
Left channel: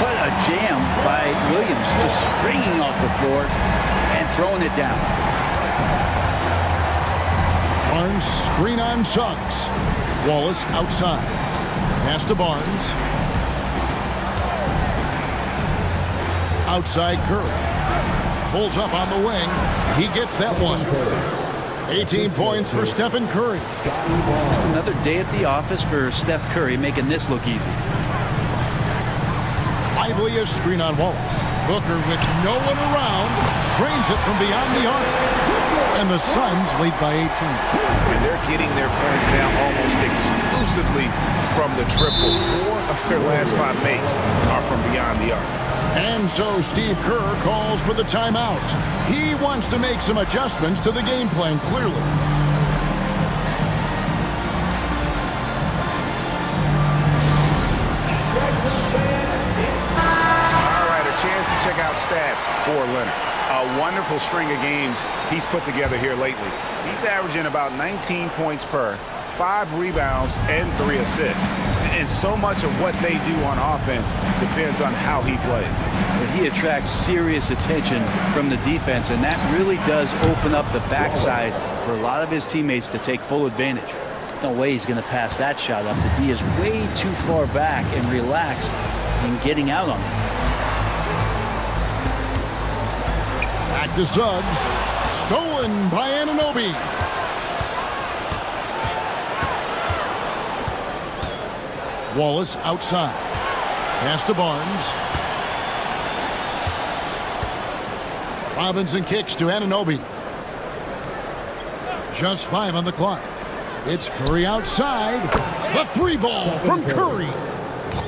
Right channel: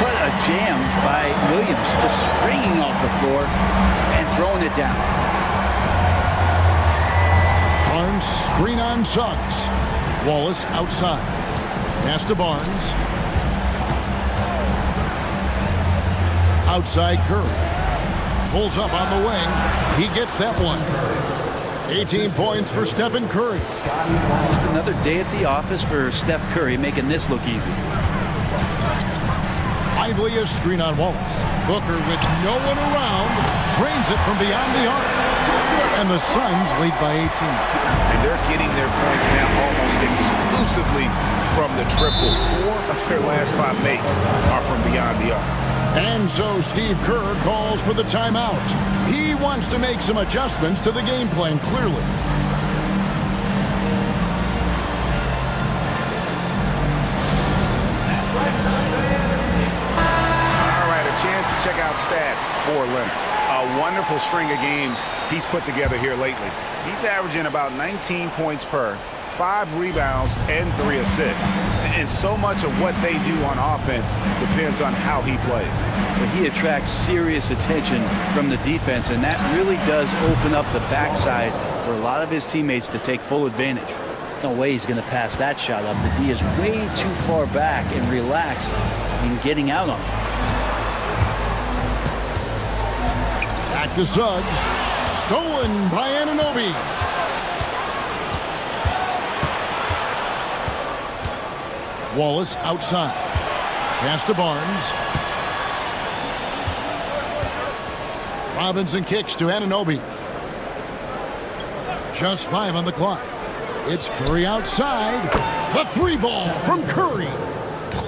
What a jam by Williams, just springing off the floor and throwing it down. Barnes screen on Suggs. Wallace outside. Pass to Barnes. Outside Curry. Pulls up on the wing. He gets that one. 18 points for Stephen Curry. Just another day at the office for Steph Curry, making this look easy. Lively a screen on Wallace. Booker with no one around. Drains it from beyond the arc. And the Suns lead by 18. And they're getting their points now almost exclusively from the triple. 4 of their last 5 makes are from beyond the arc. And so Steve Kerr calls for the timeout. He wants to make some adjustments to the game plan, clearly. All right, a chance to check out stats for Leonard. a wonderful string of games he's put together here lately. He's averaging about 19 points per, 5 rebounds, and 3 assists. And so much of what they do on offense depends on how he plays. But he attracts serious attention from the defense, and that really does open up the backside for a lot of his teammates to take full advantage. No way he's going to pass that shot up. The D is way too far back and relaxed in getting out on him. Back to Suggs. Stolen by Anunoby. Wallace outside. Pass to Barnes. Robinson kicks to Anunoby. Just 5 on the clock. It's Curry outside. The 3 ball from Curry.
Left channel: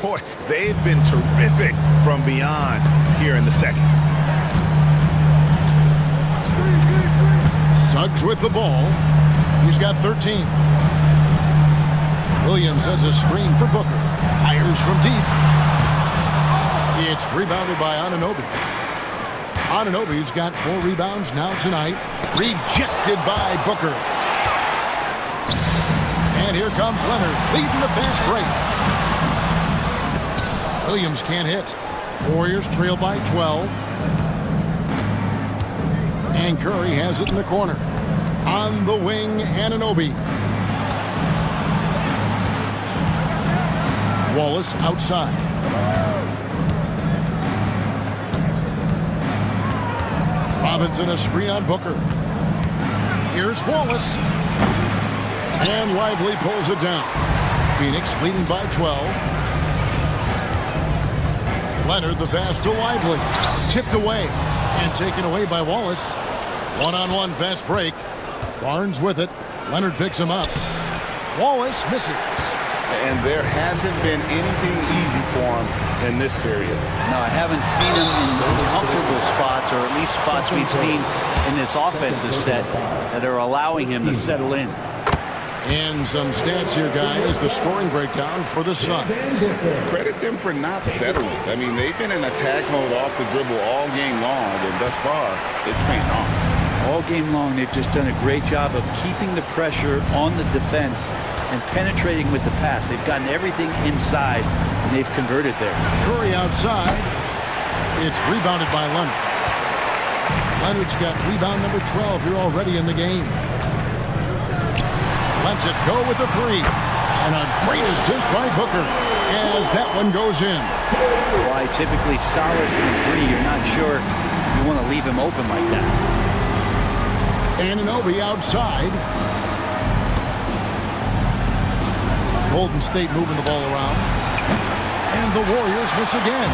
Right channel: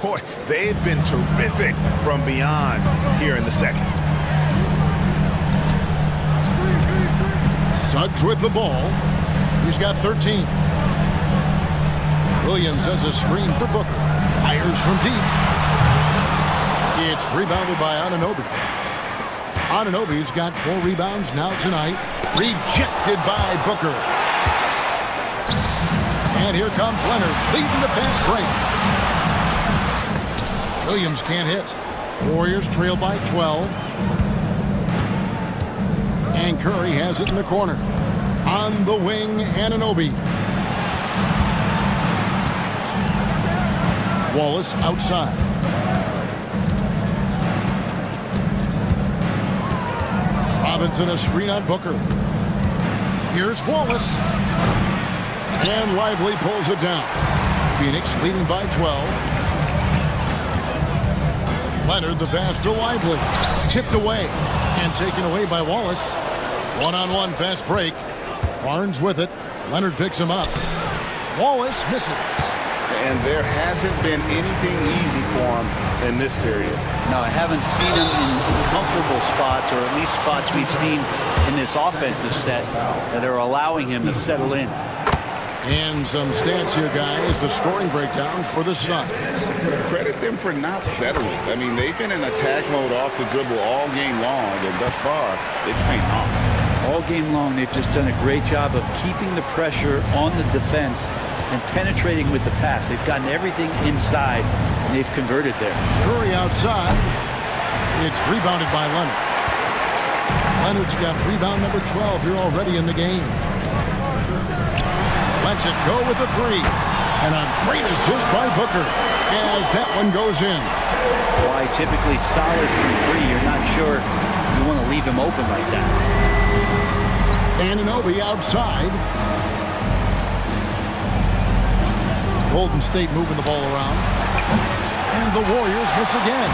Boy, they've been terrific from beyond here in the second. Suggs with the ball. He's got 13. Williams sets a screen for Booker. Fires from deep. It's rebounded by Anunoby. Anunoby's got 4 rebounds now tonight. Rejected by Booker. And here comes Leonard leading the fast break. Williams can't hit. Warriors trail by 12. And Curry has it in the corner. On the wing, Anunoby. Wallace outside. Robinson a screen on Booker. Here's Wallace. And Lively pulls it down. Phoenix leading by 12. Leonard the pass to Lively. Tipped away and taken away by Wallace. One-on-one fast break. Barnes with it. Leonard picks him up. Wallace misses. And there hasn't been anything easy for him in this period. No, I haven't seen him in comfortable spots, or at least spots we've seen in this offensive set that are allowing him to settle in. And some stats here, guys. The scoring breakdown for the Suns. Credit them for not settling. I mean, they've been in attack mode off the dribble all game long, and thus far, it's paying off. All game long, they've just done a great job of keeping the pressure on the defense and penetrating with the pass. They've gotten everything inside, and they've converted there. Curry outside. It's rebounded by Leonard. Leonard's got rebound number 12 here already in the game. Lets it go with the 3. And a great assist by Booker as that one goes in. Why typically solid from 3. You're not sure you want to leave him open like that. Anunoby outside. Golden State moving the ball around. And the Warriors miss again.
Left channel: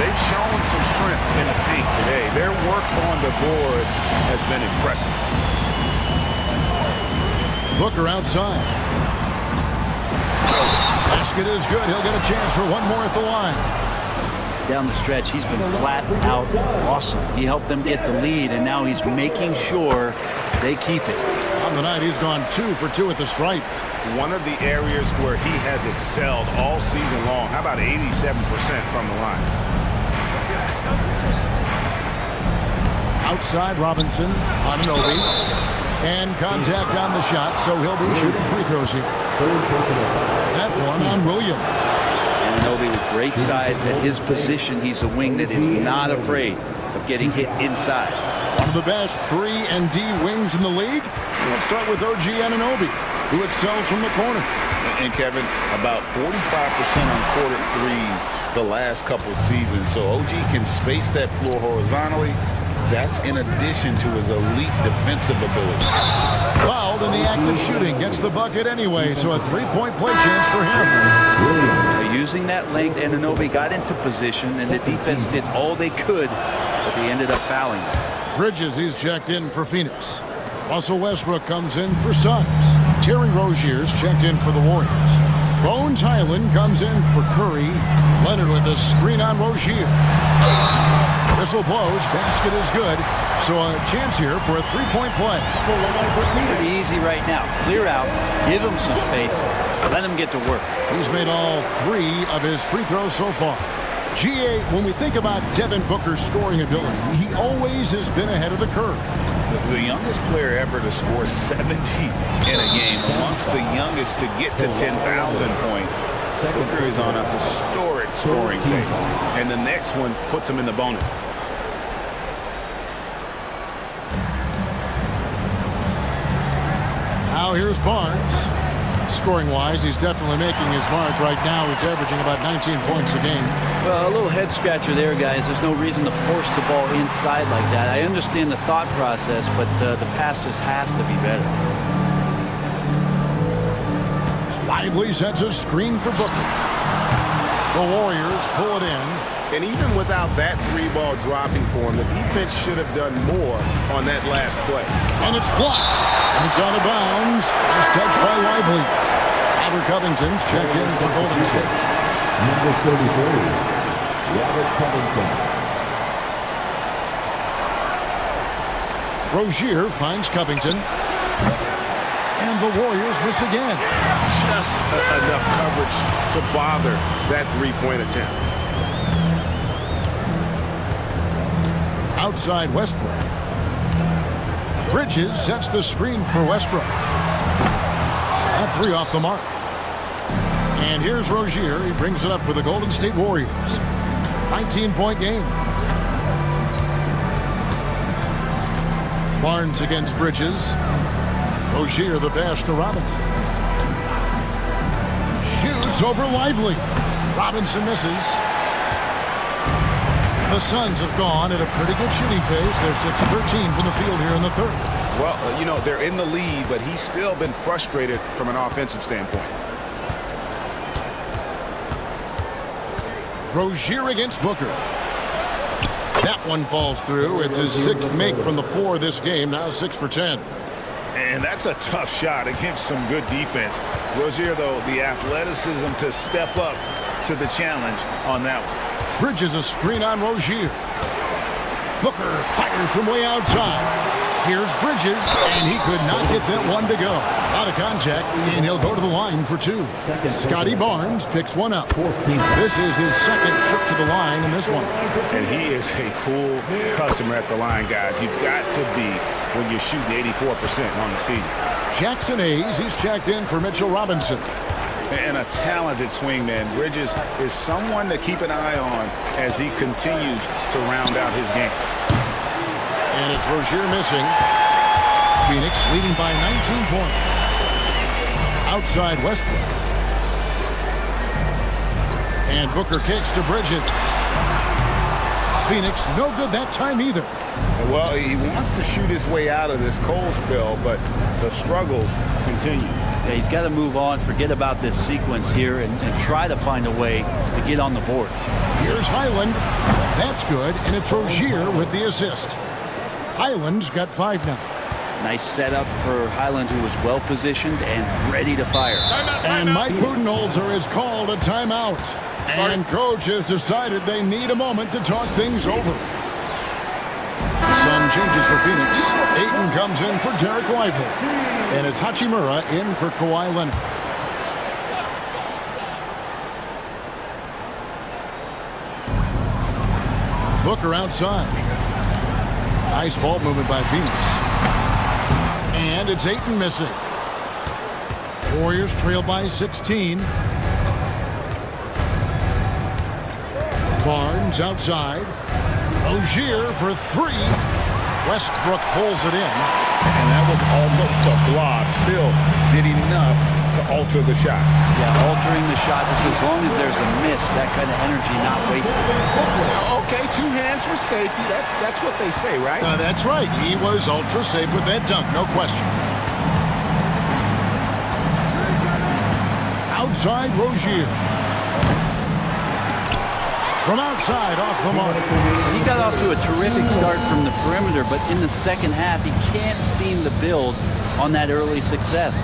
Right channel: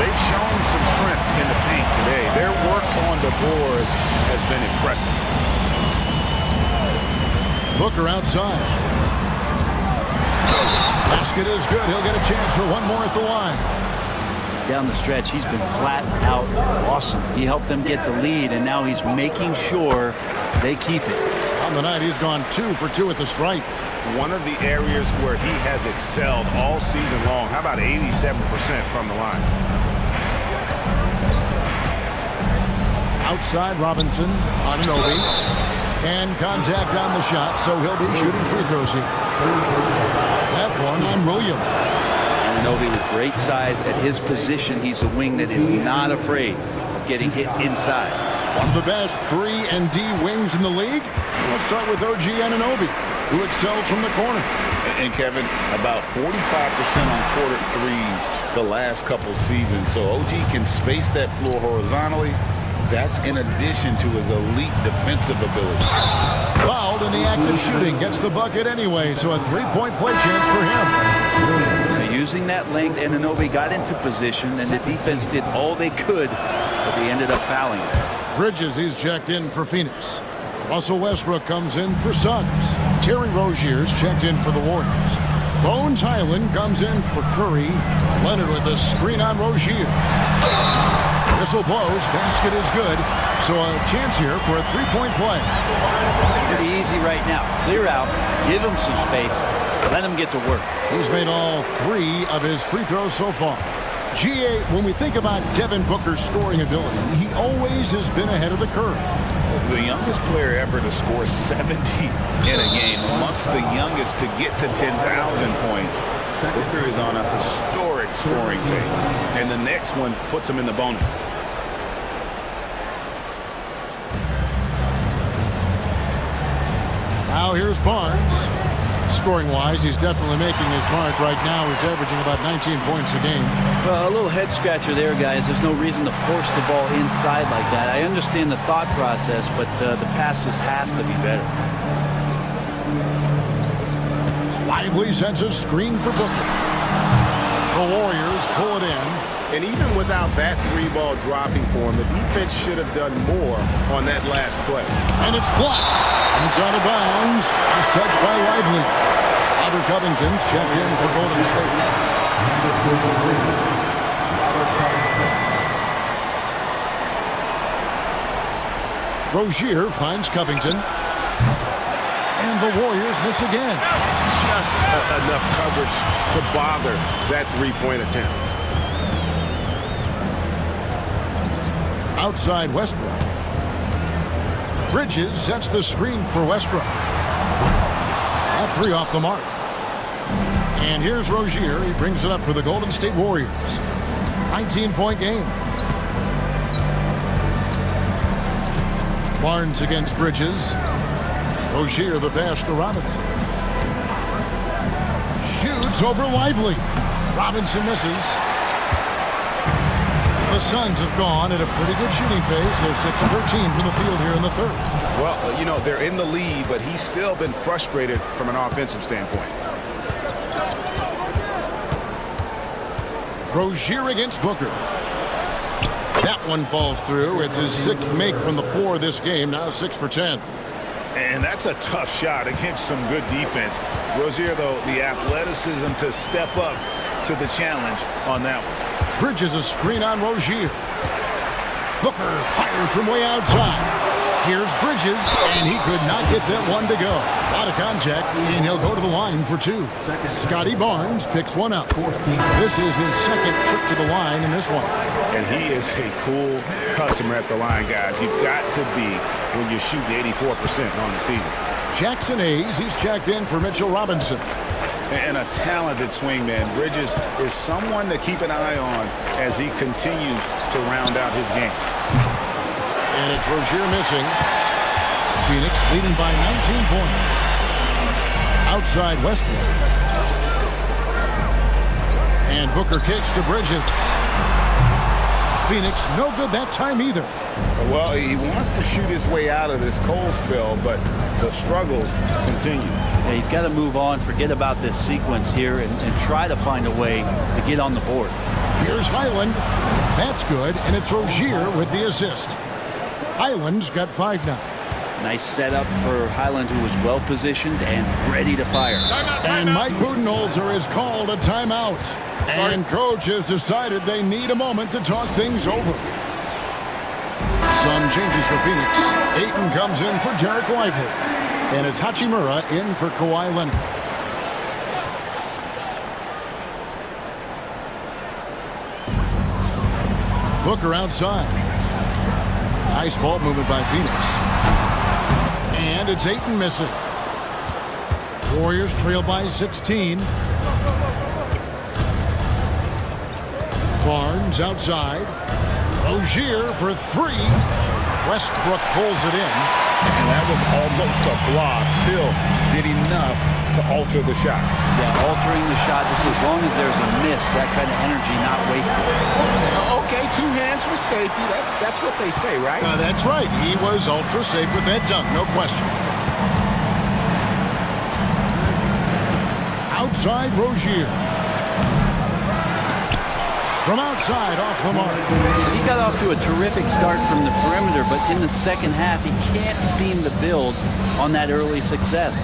They've shown some strength in the paint today. Their work on the boards has been impressive. Booker outside. Basket is good. He'll get a chance for one more at the line. Down the stretch, he's been flat out awesome. He helped them get the lead, and now he's making sure they keep it. On the night, he's gone 2 for 2 at the stripe. One of the areas where he has excelled all season long. How about 87% from the line? Outside Robinson, Anunoby, and contact on the shot, so he'll be shooting free throws here. That one on Williams. Anunoby with great size at his position. He's a wing that is not afraid of getting hit inside. One of the best 3 and D wings in the league. Let's start with OG Anunoby, who excels from the corner. And Kevin, about 45% on quarter threes the last couple seasons. So OG can space that floor horizontally. That's in addition to his elite defensive ability. Fouled in the act of shooting. Gets the bucket anyway, so a 3-point play chance for him. Now, using that length, Anunoby got into position, and the defense did all they could, but they ended up fouling him. Bridges, he's checked in for Phoenix. Russell Westbrook comes in for Suns. Terry Rozier's checked in for the Warriors. Bones Highland comes in for Curry. Leonard with a screen on Rozier. Whistle blows. Basket is good. So a chance here for a 3-point play. Pretty easy right now. Clear out. Give him some space. Let him get to work. He's made all 3 of his free throws so far. GA, when we think about Devin Booker's scoring ability, he always has been ahead of the curve. The youngest player ever to score 70 in a game, amongst the youngest to get to 10,000 points. Booker is on a historic scoring pace, and the next one puts him in the bonus. Now here's Barnes. Scoring-wise, he's definitely making his mark right now. He's averaging about 19 points a game. Well, a little head scratcher there, guys. There's no reason to force the ball inside like that. I understand the thought process, but the pass just has to be better. Lively sets a screen for Booker. The Warriors pull it in. And even without that three-ball dropping for him, the defense should have done more on that last play. And it's blocked. And it's out of bounds. It's touched by Lively. Robert Covington's checked in for Golden State. Number 33, Robert Covington. Rozier finds Covington. And the Warriors miss again. Just enough coverage to bother that three-point attempt. Outside Westbrook. Bridges sets the screen for Westbrook. That three off the mark. And here's Rozier. He brings it up for the Golden State Warriors. 19-point game. Barnes against Bridges. Rozier the pass to Robinson. Shoots over Lively. Robinson misses. The Suns have gone at a pretty good shooting pace. They're 6 of 13 from the field here in the third. Well, you know, they're in the lead, but he's still been frustrated from an offensive standpoint. Rozier against Booker. That one falls through. It's his sixth make from the floor this game. Now 6 for 10. And that's a tough shot against some good defense. Rozier, though, the athleticism to step up to the challenge on that one. Bridges a screen on Rozier. Booker fires from way outside. Here's Bridges, and he could not get that one to go. A lot of contact, and he'll go to the line for two. Scotty Barnes picks one up. This is his second trip to the line in this one. And he is a cool customer at the line, guys. You've got to be when you're shooting 84% on the season. Jackson Hayes, he's checked in for Mitchell Robinson. And a talented swingman. Bridges is someone to keep an eye on as he continues to round out his game. And it's Rozier missing. Phoenix leading by 19 points. Outside Westbrook. And Booker kicks to Bridges. Phoenix no good that time either. Well, he wants to shoot his way out of this cold spell, but the struggles continue. Yeah, he's got to move on, forget about this sequence here, and try to find a way to get on the board. Here's Highland. That's good, and it's Rozier with the assist. Highland's got 5 now. Nice setup for Highland, who was well positioned and ready to fire. And Mike Budenholzer has called a timeout. And coach has decided they need a moment to talk things over. Some changes for Phoenix. Ayton comes in for Derek Lively. And it's Hachimura in for Kawhi Leonard. Booker outside. Nice ball movement by Phoenix. And it's Ayton missing. Warriors trail by 16. Barnes outside. Rozier for 3. Westbrook pulls it in. And that was almost a block. Still did enough to alter the shot. Yeah, altering the shot, just as long as there's a miss, that kind of energy not wasted. Okay, 2 hands for safety. That's what they say, right? That's right. He was ultra safe with that dunk, no question. Outside Rozier. From outside, off the mark. He got off to a terrific start from the perimeter, but in the second half, he can't seem to build on that early success.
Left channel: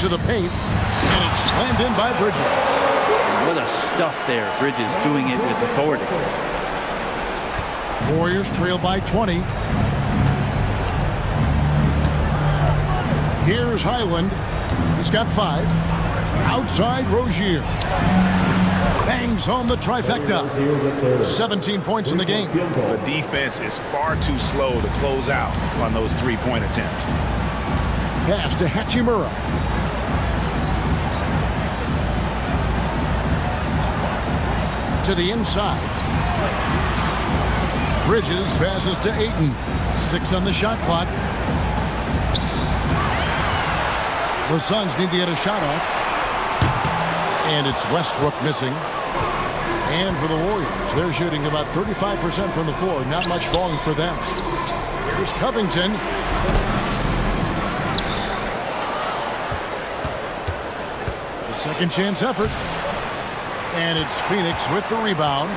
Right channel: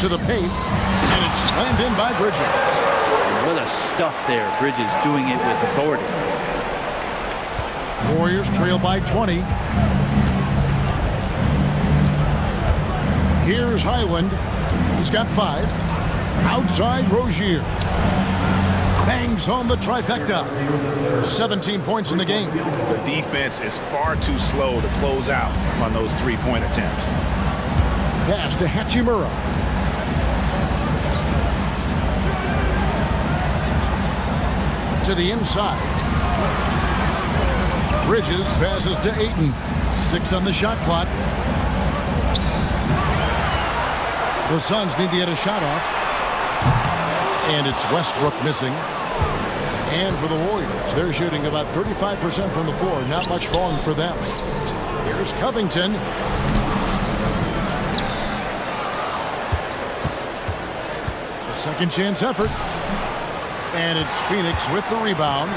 To the paint, and it's slammed in by Bridges. And what a stuff there. Bridges doing it with authority. Warriors trail by 20. Here's Highland. He's got 5. Outside Rozier. bangs home the trifecta. 17 points in the game. The defense is far too slow to close out on those three-point attempts. Pass to Hachimura. To the inside. Bridges passes to Ayton. 6 on the shot clock. The Suns need to get a shot off. And it's Westbrook missing. And for the Warriors, they're shooting about 35% from the floor. Not much falling for them. Here's Covington. A second chance effort. And it's Phoenix with the rebound.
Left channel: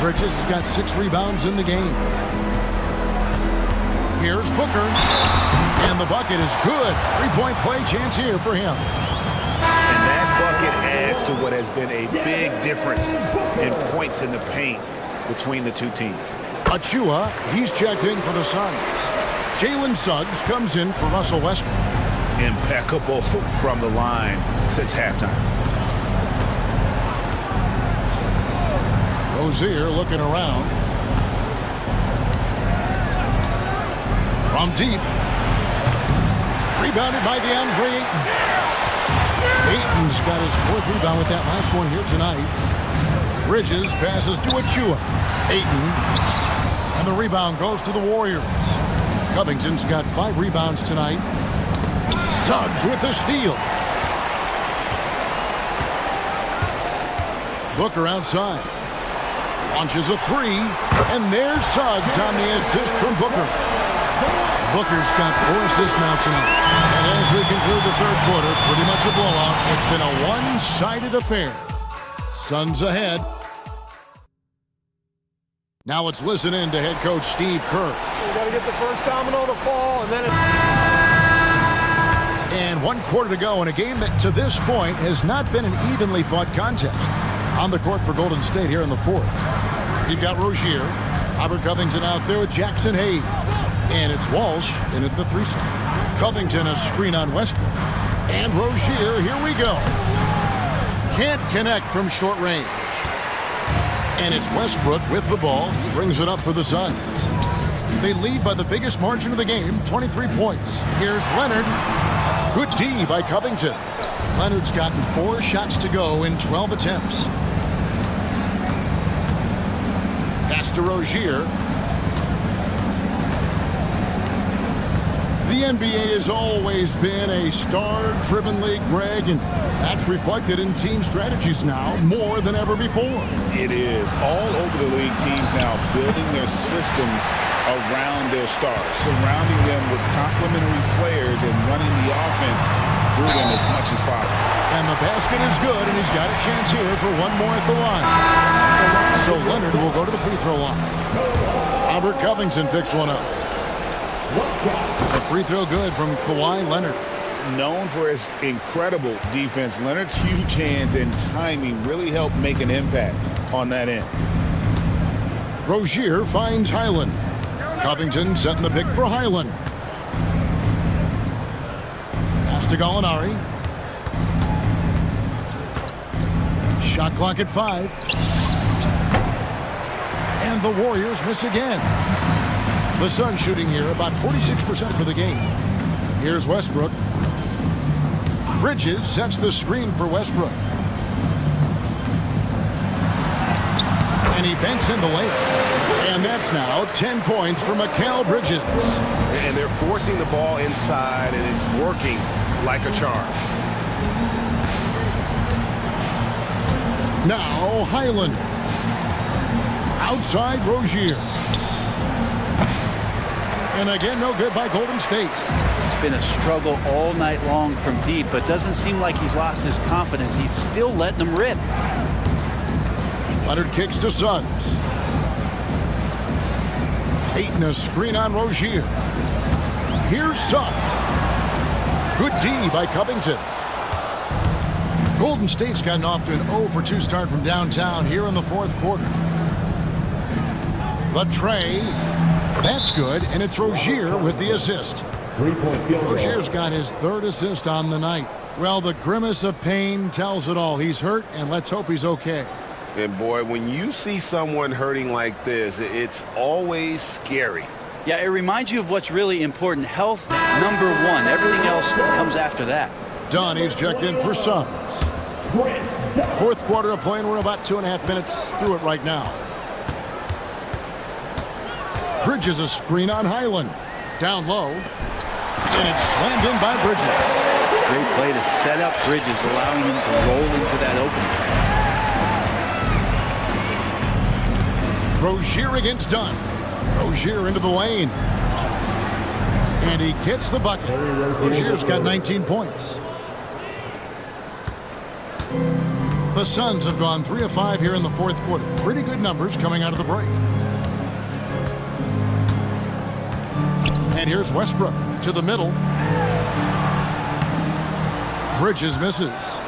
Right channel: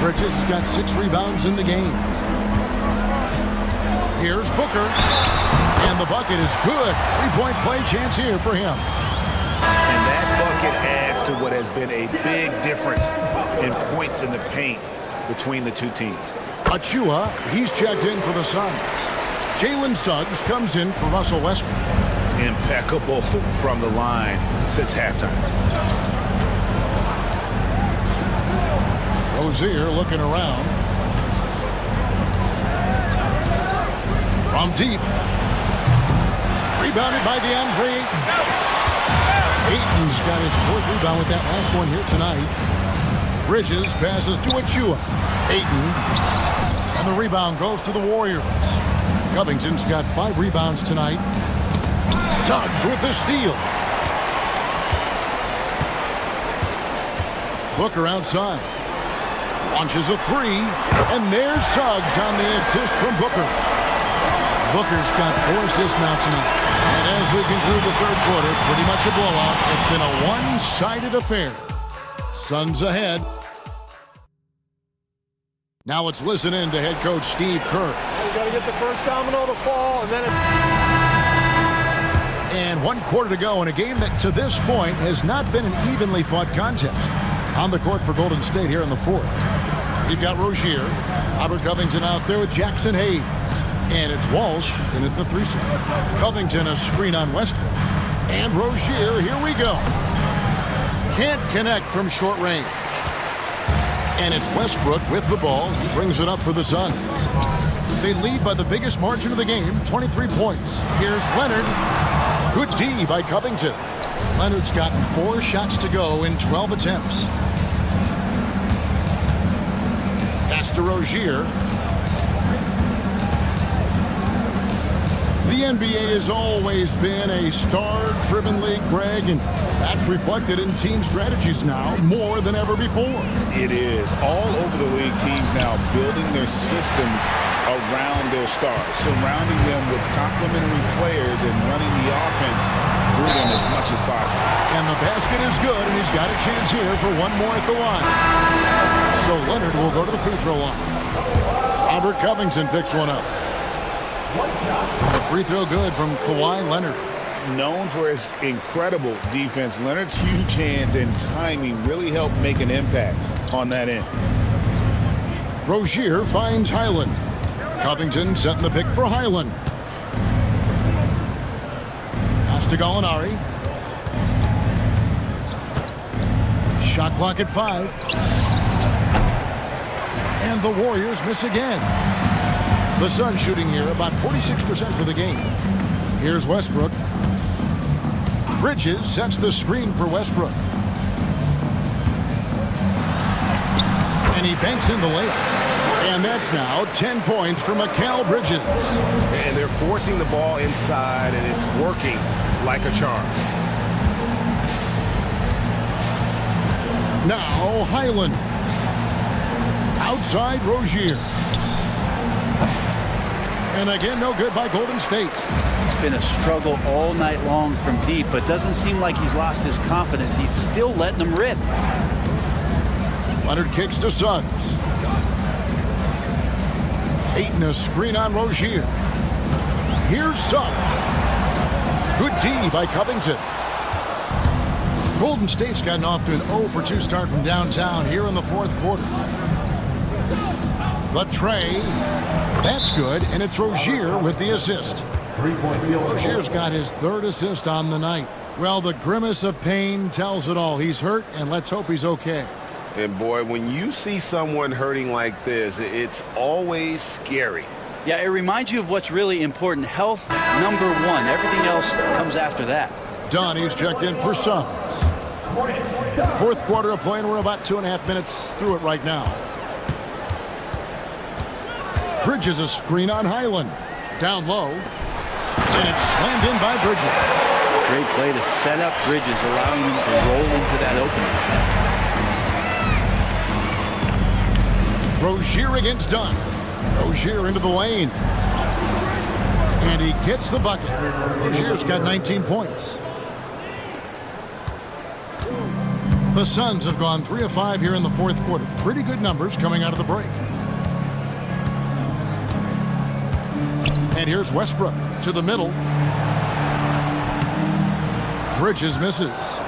Bridges has got 6 rebounds in the game. Here's Booker. And the bucket is good. 3-point play chance here for him. And that bucket adds to what has been a big difference in points in the paint between the two teams. Achua, he's checked in for the Suns. Jalen Suggs comes in for Russell Westbrook. Impeccable from the line since halftime. Rozier looking around. From deep. Rebounded by DeAndre Ayton. Ayton's got his 4th rebound with that last one here tonight. Bridges passes to Achua. Ayton. And the rebound goes to the Warriors. Covington's got 5 rebounds tonight. Suggs with the steal. Booker outside. Launches a 3. And there's Suggs on the assist from Booker. Booker's got 4 assists now tonight. And as we conclude the third quarter, pretty much a blowout. It's been a one-sided affair. Suns ahead. Now let's listen in to head coach Steve Kerr. You got to get the first domino to fall, and then And 1 quarter to go in a game that to this point has not been an evenly fought contest. On the court for Golden State here in the 4th. You've got Rozier. Robert Covington out there with Jackson Hayes. And it's Walsh in at the 3 slot. Covington a screen on Westbrook. And Rozier, here we go. Can't connect from short range. And it's Westbrook with the ball. He brings it up for the Suns. They lead by the biggest margin of the game, 23 points. Here's Leonard. Good D by Covington. Leonard's gotten 4 shots to go in 12 attempts. Pass to Rozier. The NBA has always been a star-driven league, Greg, and that's reflected in team strategies now more than ever before. It is. All over the league, teams now building their systems around their stars, surrounding them with complementary players and running the offense through them as much as possible. And the basket is good, and he's got a chance here for 1 more at the line. So Leonard will go to the free throw line. Robert Covington picks one up. A free throw good from Kawhi Leonard. Known for his incredible defense, Leonard's huge hands and timing really help make an impact on that end. Rozier finds Highland. Covington setting the pick for Highland. Pass to Gallinari. Shot clock at 5. And the Warriors miss again. The Suns shooting here about 46% for the game. Here's Westbrook. Bridges sets the screen for Westbrook. And he banks in the layup. And that's now 10 points for Mikal Bridges. and they're forcing the ball inside, and it's working like a charm. Now Highland. Outside Rozier. And again, no good by Golden State. It's been a struggle all night long from deep, but doesn't seem like he's lost his confidence. He's still letting them rip. Leonard kicks to Suggs. Ayton a screen on Rozier. Here's Suggs. Good D by Covington. Golden State's gotten off to an 0-for-2 start from downtown here in the fourth quarter. The tray. That's good, and it's Rozier with the assist. 3-point field goal. Rozier's got his third assist on the night. Well, the grimace of pain tells it all. He's hurt, and let's hope he's okay. And boy, when you see someone hurting like this, it's always scary. Yeah, it reminds you of what's really important. Health, number one. Everything else comes after that. Dunn, he's checked in for subs. Fourth quarter of play, and we're about 2.5 minutes through it right now. Bridges a screen on Highland. Down low. And it's slammed in by Bridges. Great play to set up Bridges, allowing him to roll into that opening. Rozier against Dunn. Rozier into the lane. And he gets the bucket. Rozier's got 19 points. The Suns have gone 3 of 5 here in the fourth quarter. Pretty good numbers coming out of the break. And here's Westbrook to the middle. Bridges misses.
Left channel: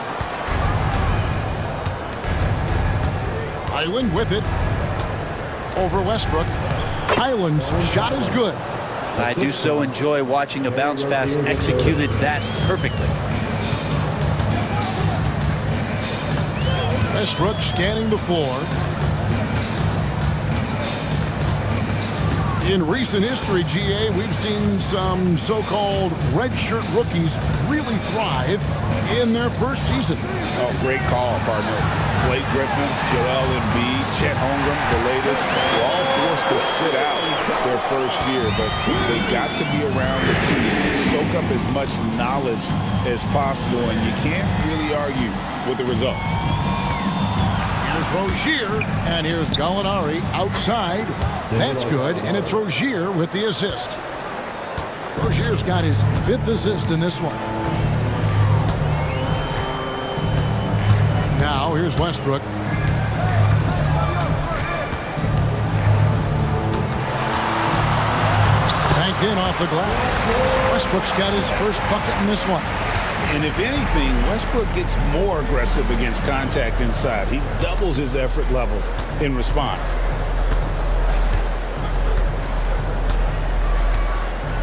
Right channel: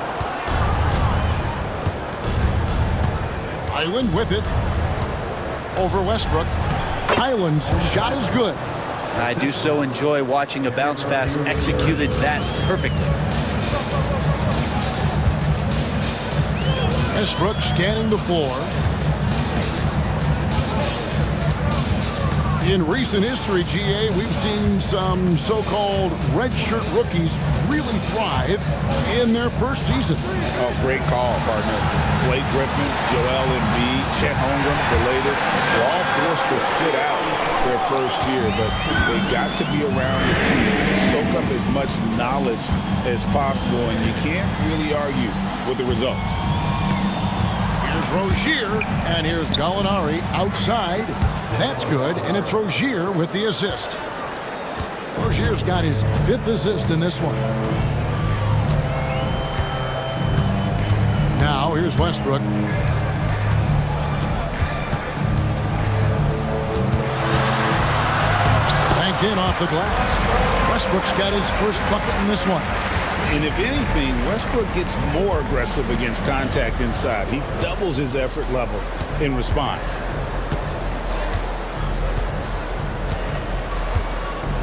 Highland with it. Over Westbrook. Highland's shot is good. And I do so enjoy watching a bounce pass executed that perfectly. Westbrook scanning the floor. In recent history, GA, we've seen some so-called redshirt rookies really thrive in their first season. Oh, great call, partner. Blake Griffin, Joel Embiid, Chet Holmgren, the latest, were all forced to sit out their first year, but they got to be around the team, soak up as much knowledge as possible, and you can't really argue with the results. Here's Rozier, and here's Gallinari outside. That's good, and it's Rozier with the assist. Rozier's got his 5th assist in this one. Now, here's Westbrook. Banked in off the glass. Westbrook's got his first bucket in this one. And if anything, Westbrook gets more aggressive against contact inside. He doubles his effort level in response.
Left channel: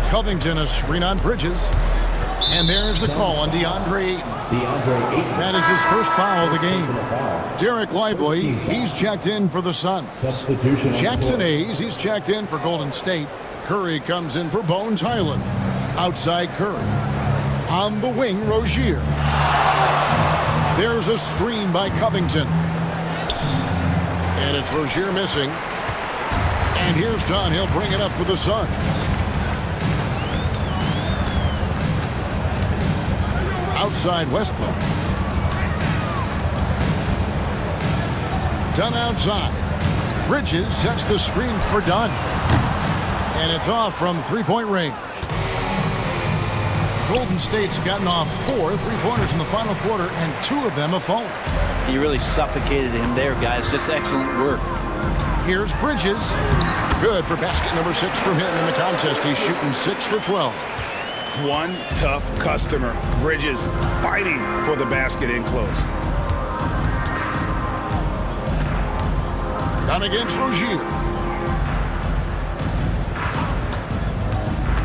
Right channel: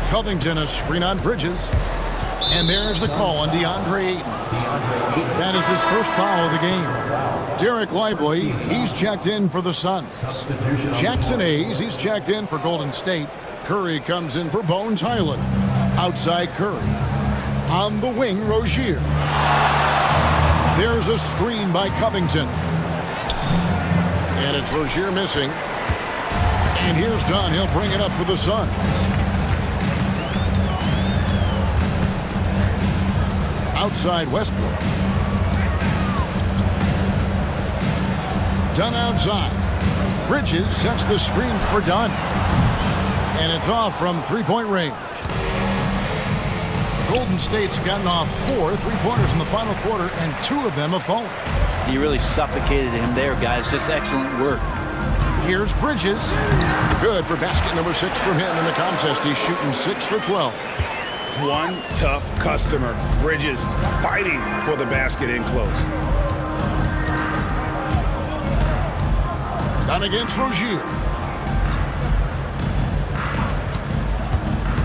Covington, a screen on Bridges. And there's the call on DeAndre Ayton. That is his first foul of the game. Derek Lively, he's checked in for the Suns. Jackson Hayes, he's checked in for Golden State. Curry comes in for Bones Highland. Outside Curry. On the wing, Rozier. There's a screen by Covington. And it's Rozier missing. And here's Dunn. He'll bring it up for the Suns. Outside Westbrook. Dunn outside. Bridges sets the screen for Dunn. And it's off from three-point range. Golden State's gotten off 4 3-pointers in the final quarter, and 2 of them have fallen. He really suffocated him there, guys. Just excellent work. Here's Bridges. Good for basket number 6 from him in the contest. He's shooting 6 for 12. One tough customer. Bridges fighting for the basket in close. Down against Rozier.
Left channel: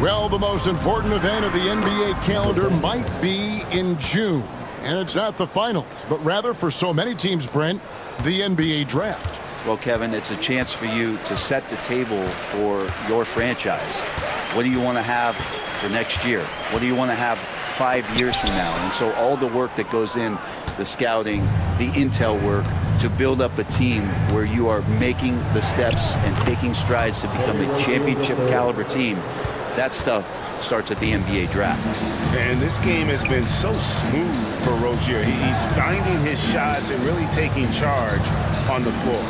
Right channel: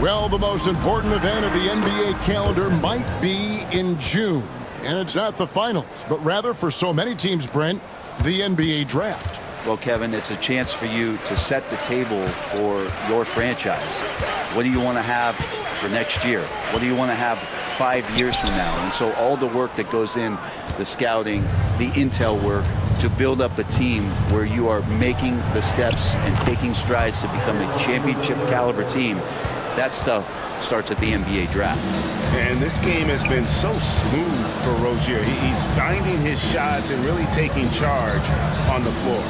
Well, the most important event of the NBA calendar might be in June. And it's not the finals, but rather for so many teams, Brent, the NBA draft. Well, Kevin, it's a chance for you to set the table for your franchise. What do you want to have for next year? What do you want to have 5 years from now? And so all the work that goes in, the scouting, the intel work, to build up a team where you are making the steps and taking strides to become a championship caliber team, that stuff starts at the NBA draft. And this game has been so smooth for Rozier. He's finding his shots and really taking charge on the floor.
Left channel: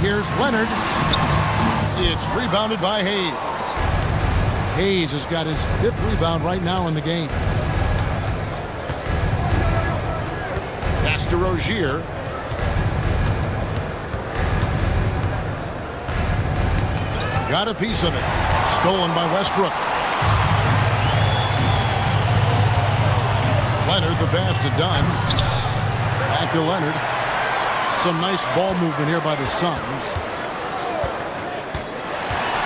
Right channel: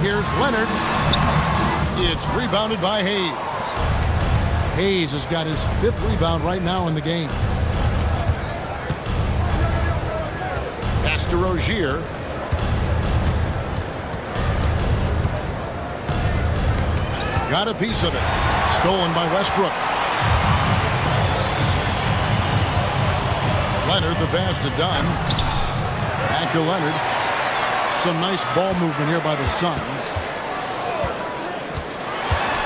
Here's Leonard. It's rebounded by Hayes. Hayes has got his 5th rebound right now in the game. Pass to Rozier. Got a piece of it. Stolen by Westbrook. Leonard, the pass to Dunn. Back to Leonard. Some nice ball movement here by the Suns.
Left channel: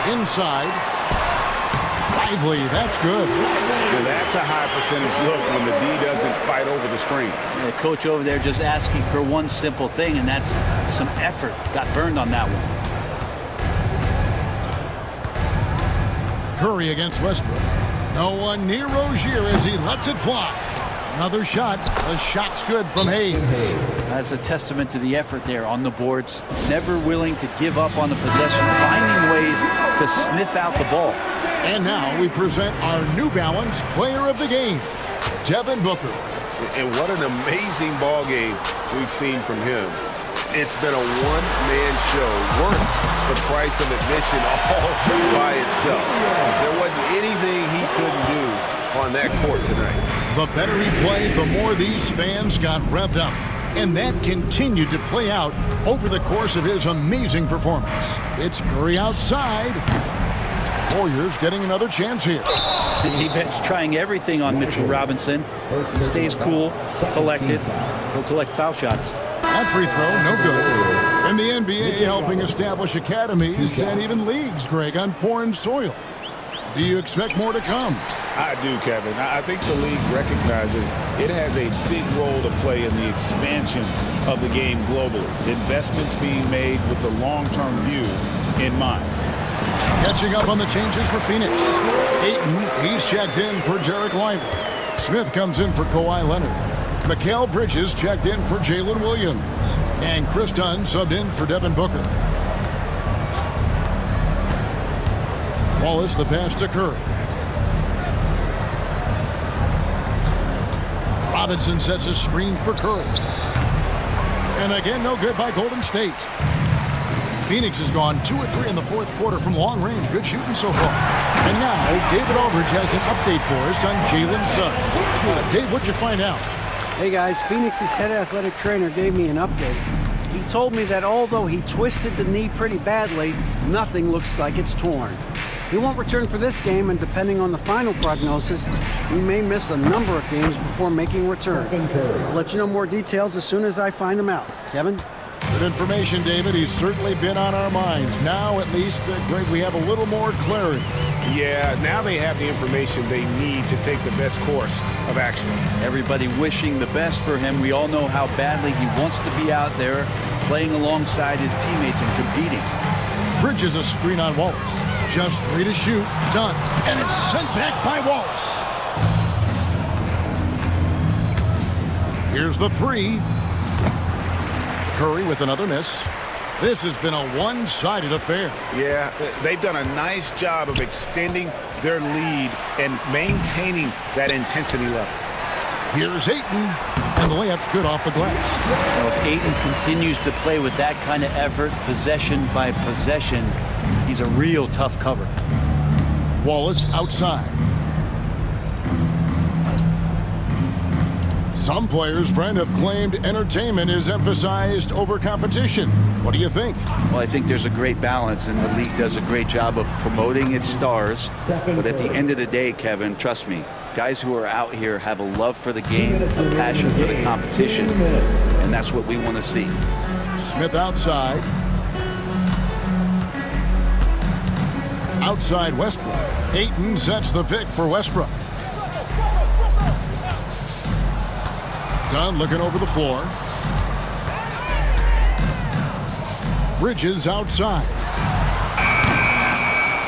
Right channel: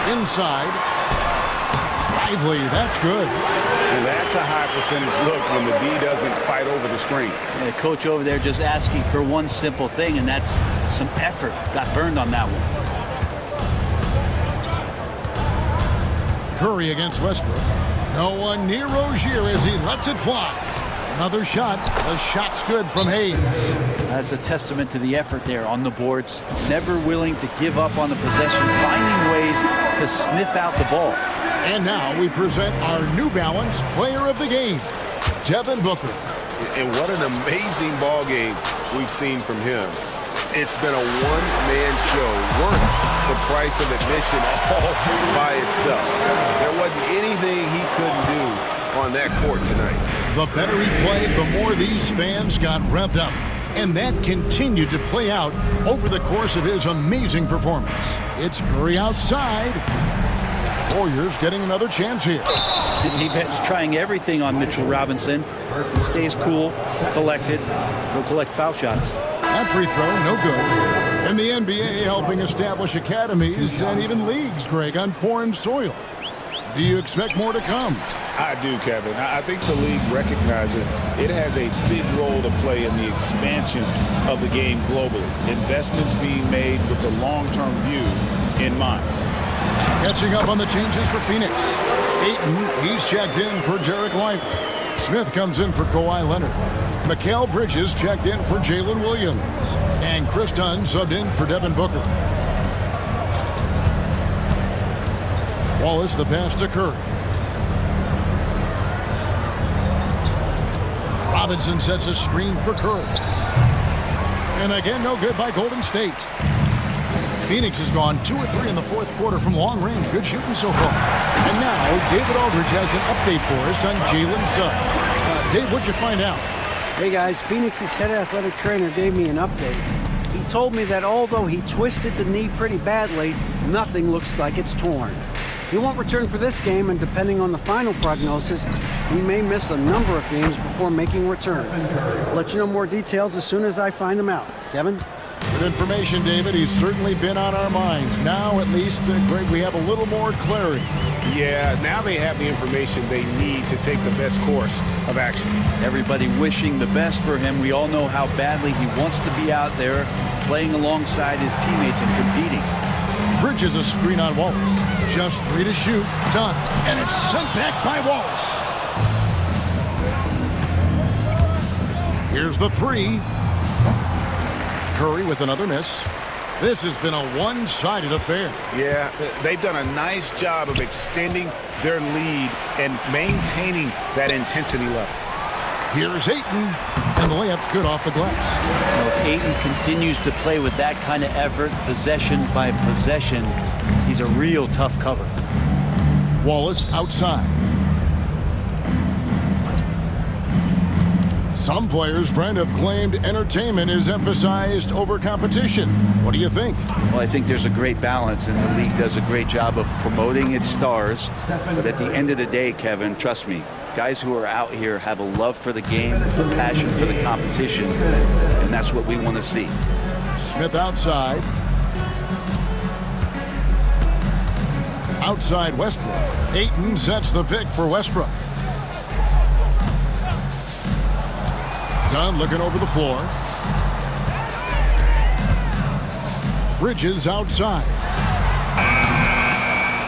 Inside. Lively, that's good. Now that's a high percentage look when the D doesn't fight over the screen. Yeah, the coach over there just asking for one simple thing, and that's some effort. Got burned on that one. Curry against Westbrook. No one near Rozier as he lets it fly. Another shot. The shot's good from Hayes. That's a testament to the effort there on the boards. Never willing to give up on the possession, finding ways to sniff out the ball. And now we present our New Balance Player of the Game, Devin Booker. And what an amazing ball game we've seen from him. It's been a one-man show worth the price of admission all by itself. There wasn't anything he couldn't do on that court tonight. The better he played, the more these fans got revved up. And that continued to play out over the course of his amazing performance. It's Curry outside. Warriors getting another chance here. The defense trying everything on Mitchell Robinson. He stays cool, collected. He'll collect foul shots. That free throw, no good. And the NBA helping establish academies and even leagues, Greg, on foreign soil. Do you expect more to come? I do, Kevin. I think the league recognizes it has a big role to play in the expansion of the game globally. Investments being made with the long-term view in mind. Catching up on the changes for Phoenix. Ayton, he's checked in for Jarek Lively. Smith comes in for Kawhi Leonard. Mikal Bridges checked in for Jalen Williams. And Chris Dunn subbed in for Devin Booker. Wallace the pass to Curry. Robinson sets a screen for Curry. And again, no good by Golden State. Phoenix has gone 2 of 3 in the fourth quarter from long range. Good shooting so far. And now, David Aldridge has an update for us on Jalen Suggs. Dave, what'd you find out? Hey guys, Phoenix's head athletic trainer gave me an update. He told me that although he twisted the knee pretty badly, nothing looks like it's torn. He won't return for this game, and depending on the final prognosis, he may miss a number of games before making return. I'll let you know more details as soon as I find them out. Kevin? Good information, David. He's certainly been on our minds. Now, at least, Greg, we have a little more clarity. Yeah, now they have the information they need to take the best course of action. Everybody wishing the best for him. We all know how badly he wants to be out there playing alongside his teammates and competing. Bridges a screen on Wallace. Just 3 to shoot. Done. And it's sent back by Wallace. Here's the 3. Curry with another miss. This has been a one-sided affair. Yeah, they've done a nice job of extending their lead and maintaining that intensity level. Here's Ayton, and the layup's good off the glass. Now, if Ayton continues to play with that kind of effort, possession by possession, he's a real tough cover. Wallace outside. Some players, Brent, have claimed entertainment is emphasized over competition. What do you think? Well, I think there's a great balance, and the league does a great job of promoting its stars. But at the end of the day, Kevin, trust me, guys who are out here have a love for the game, a passion for the competition, and that's what we want to see. Smith outside. Outside Westbrook. Ayton sets the pick for Westbrook. Dunn looking over the floor. Bridges outside.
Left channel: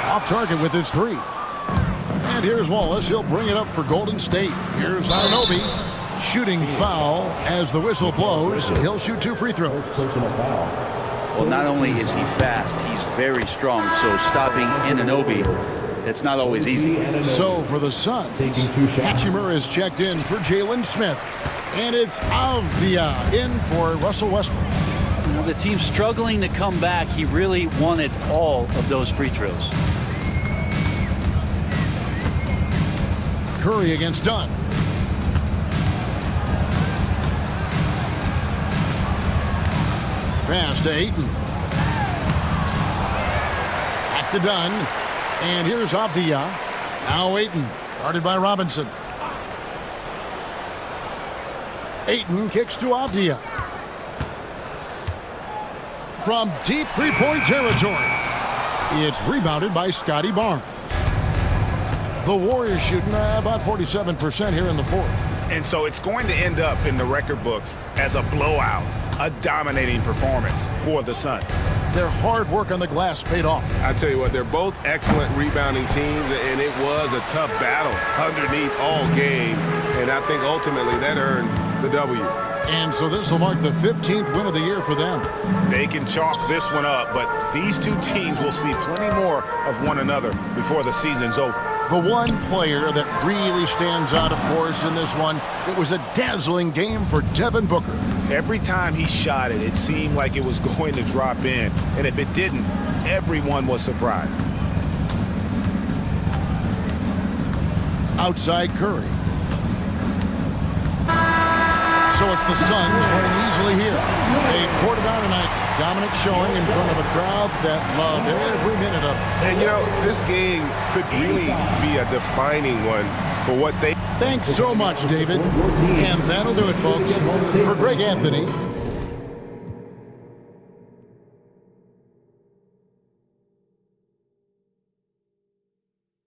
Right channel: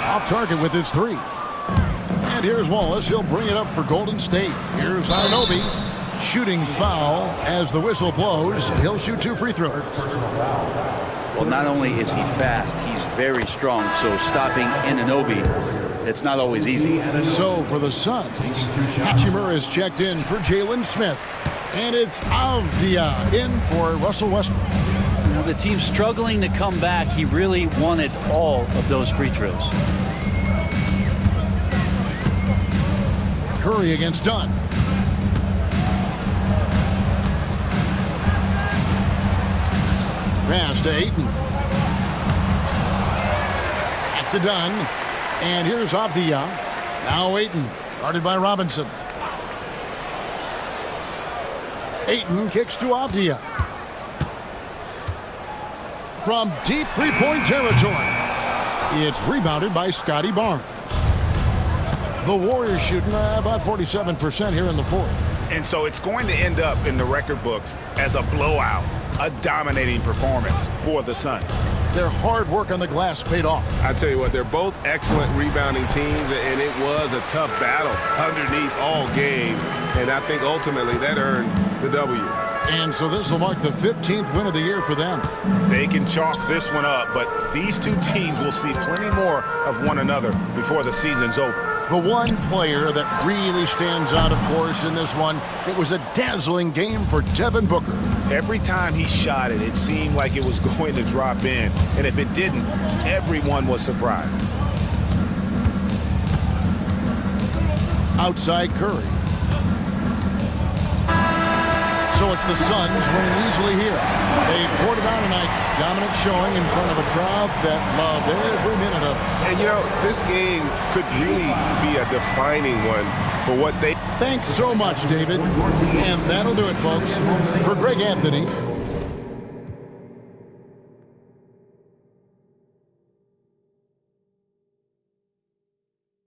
Off target with his 3. And here's Wallace. He'll bring it up for Golden State. Here's Anunoby. Shooting foul as the whistle blows. He'll shoot 2 free throws. Well, not only is he fast, he's very strong. So stopping Anunoby, it's not always easy. So for the Suns, Hachimura is checked in for Jalen Smith. And it's Avdia in for Russell Westbrook. Now the team's struggling to come back. He really wanted all of those free throws. Curry against Dunn. Pass to Ayton. Back to Dunn. And here's Avdia. Now Ayton, guarded by Robinson. Ayton kicks to Avdia. From deep three-point territory. It's rebounded by Scotty Barnes. The Warriors shooting about 47% here in the fourth. And so it's going to end up in the record books as a blowout, a dominating performance for the Suns. Their hard work on the glass paid off. I tell you what, they're both excellent rebounding teams, and it was a tough battle underneath all game. And I think ultimately that earned the W. And so this will mark the 15th win of the year for them. They can chalk this one up, but these two teams will see plenty more of one another before the season's over. The one player that really stands out, of course, in this one, it was a dazzling game for Devin Booker. Every time he shot it, it seemed like it was going to drop in. And if it didn't, everyone was surprised. Outside Curry. So it's the Suns winning easily here. They poured it on tonight. Dominant showing in front of a crowd that loved every minute of it. And, you know, this game could really be a defining one for what they... Thanks so much, David. And that'll do it, folks. For Greg Anthony,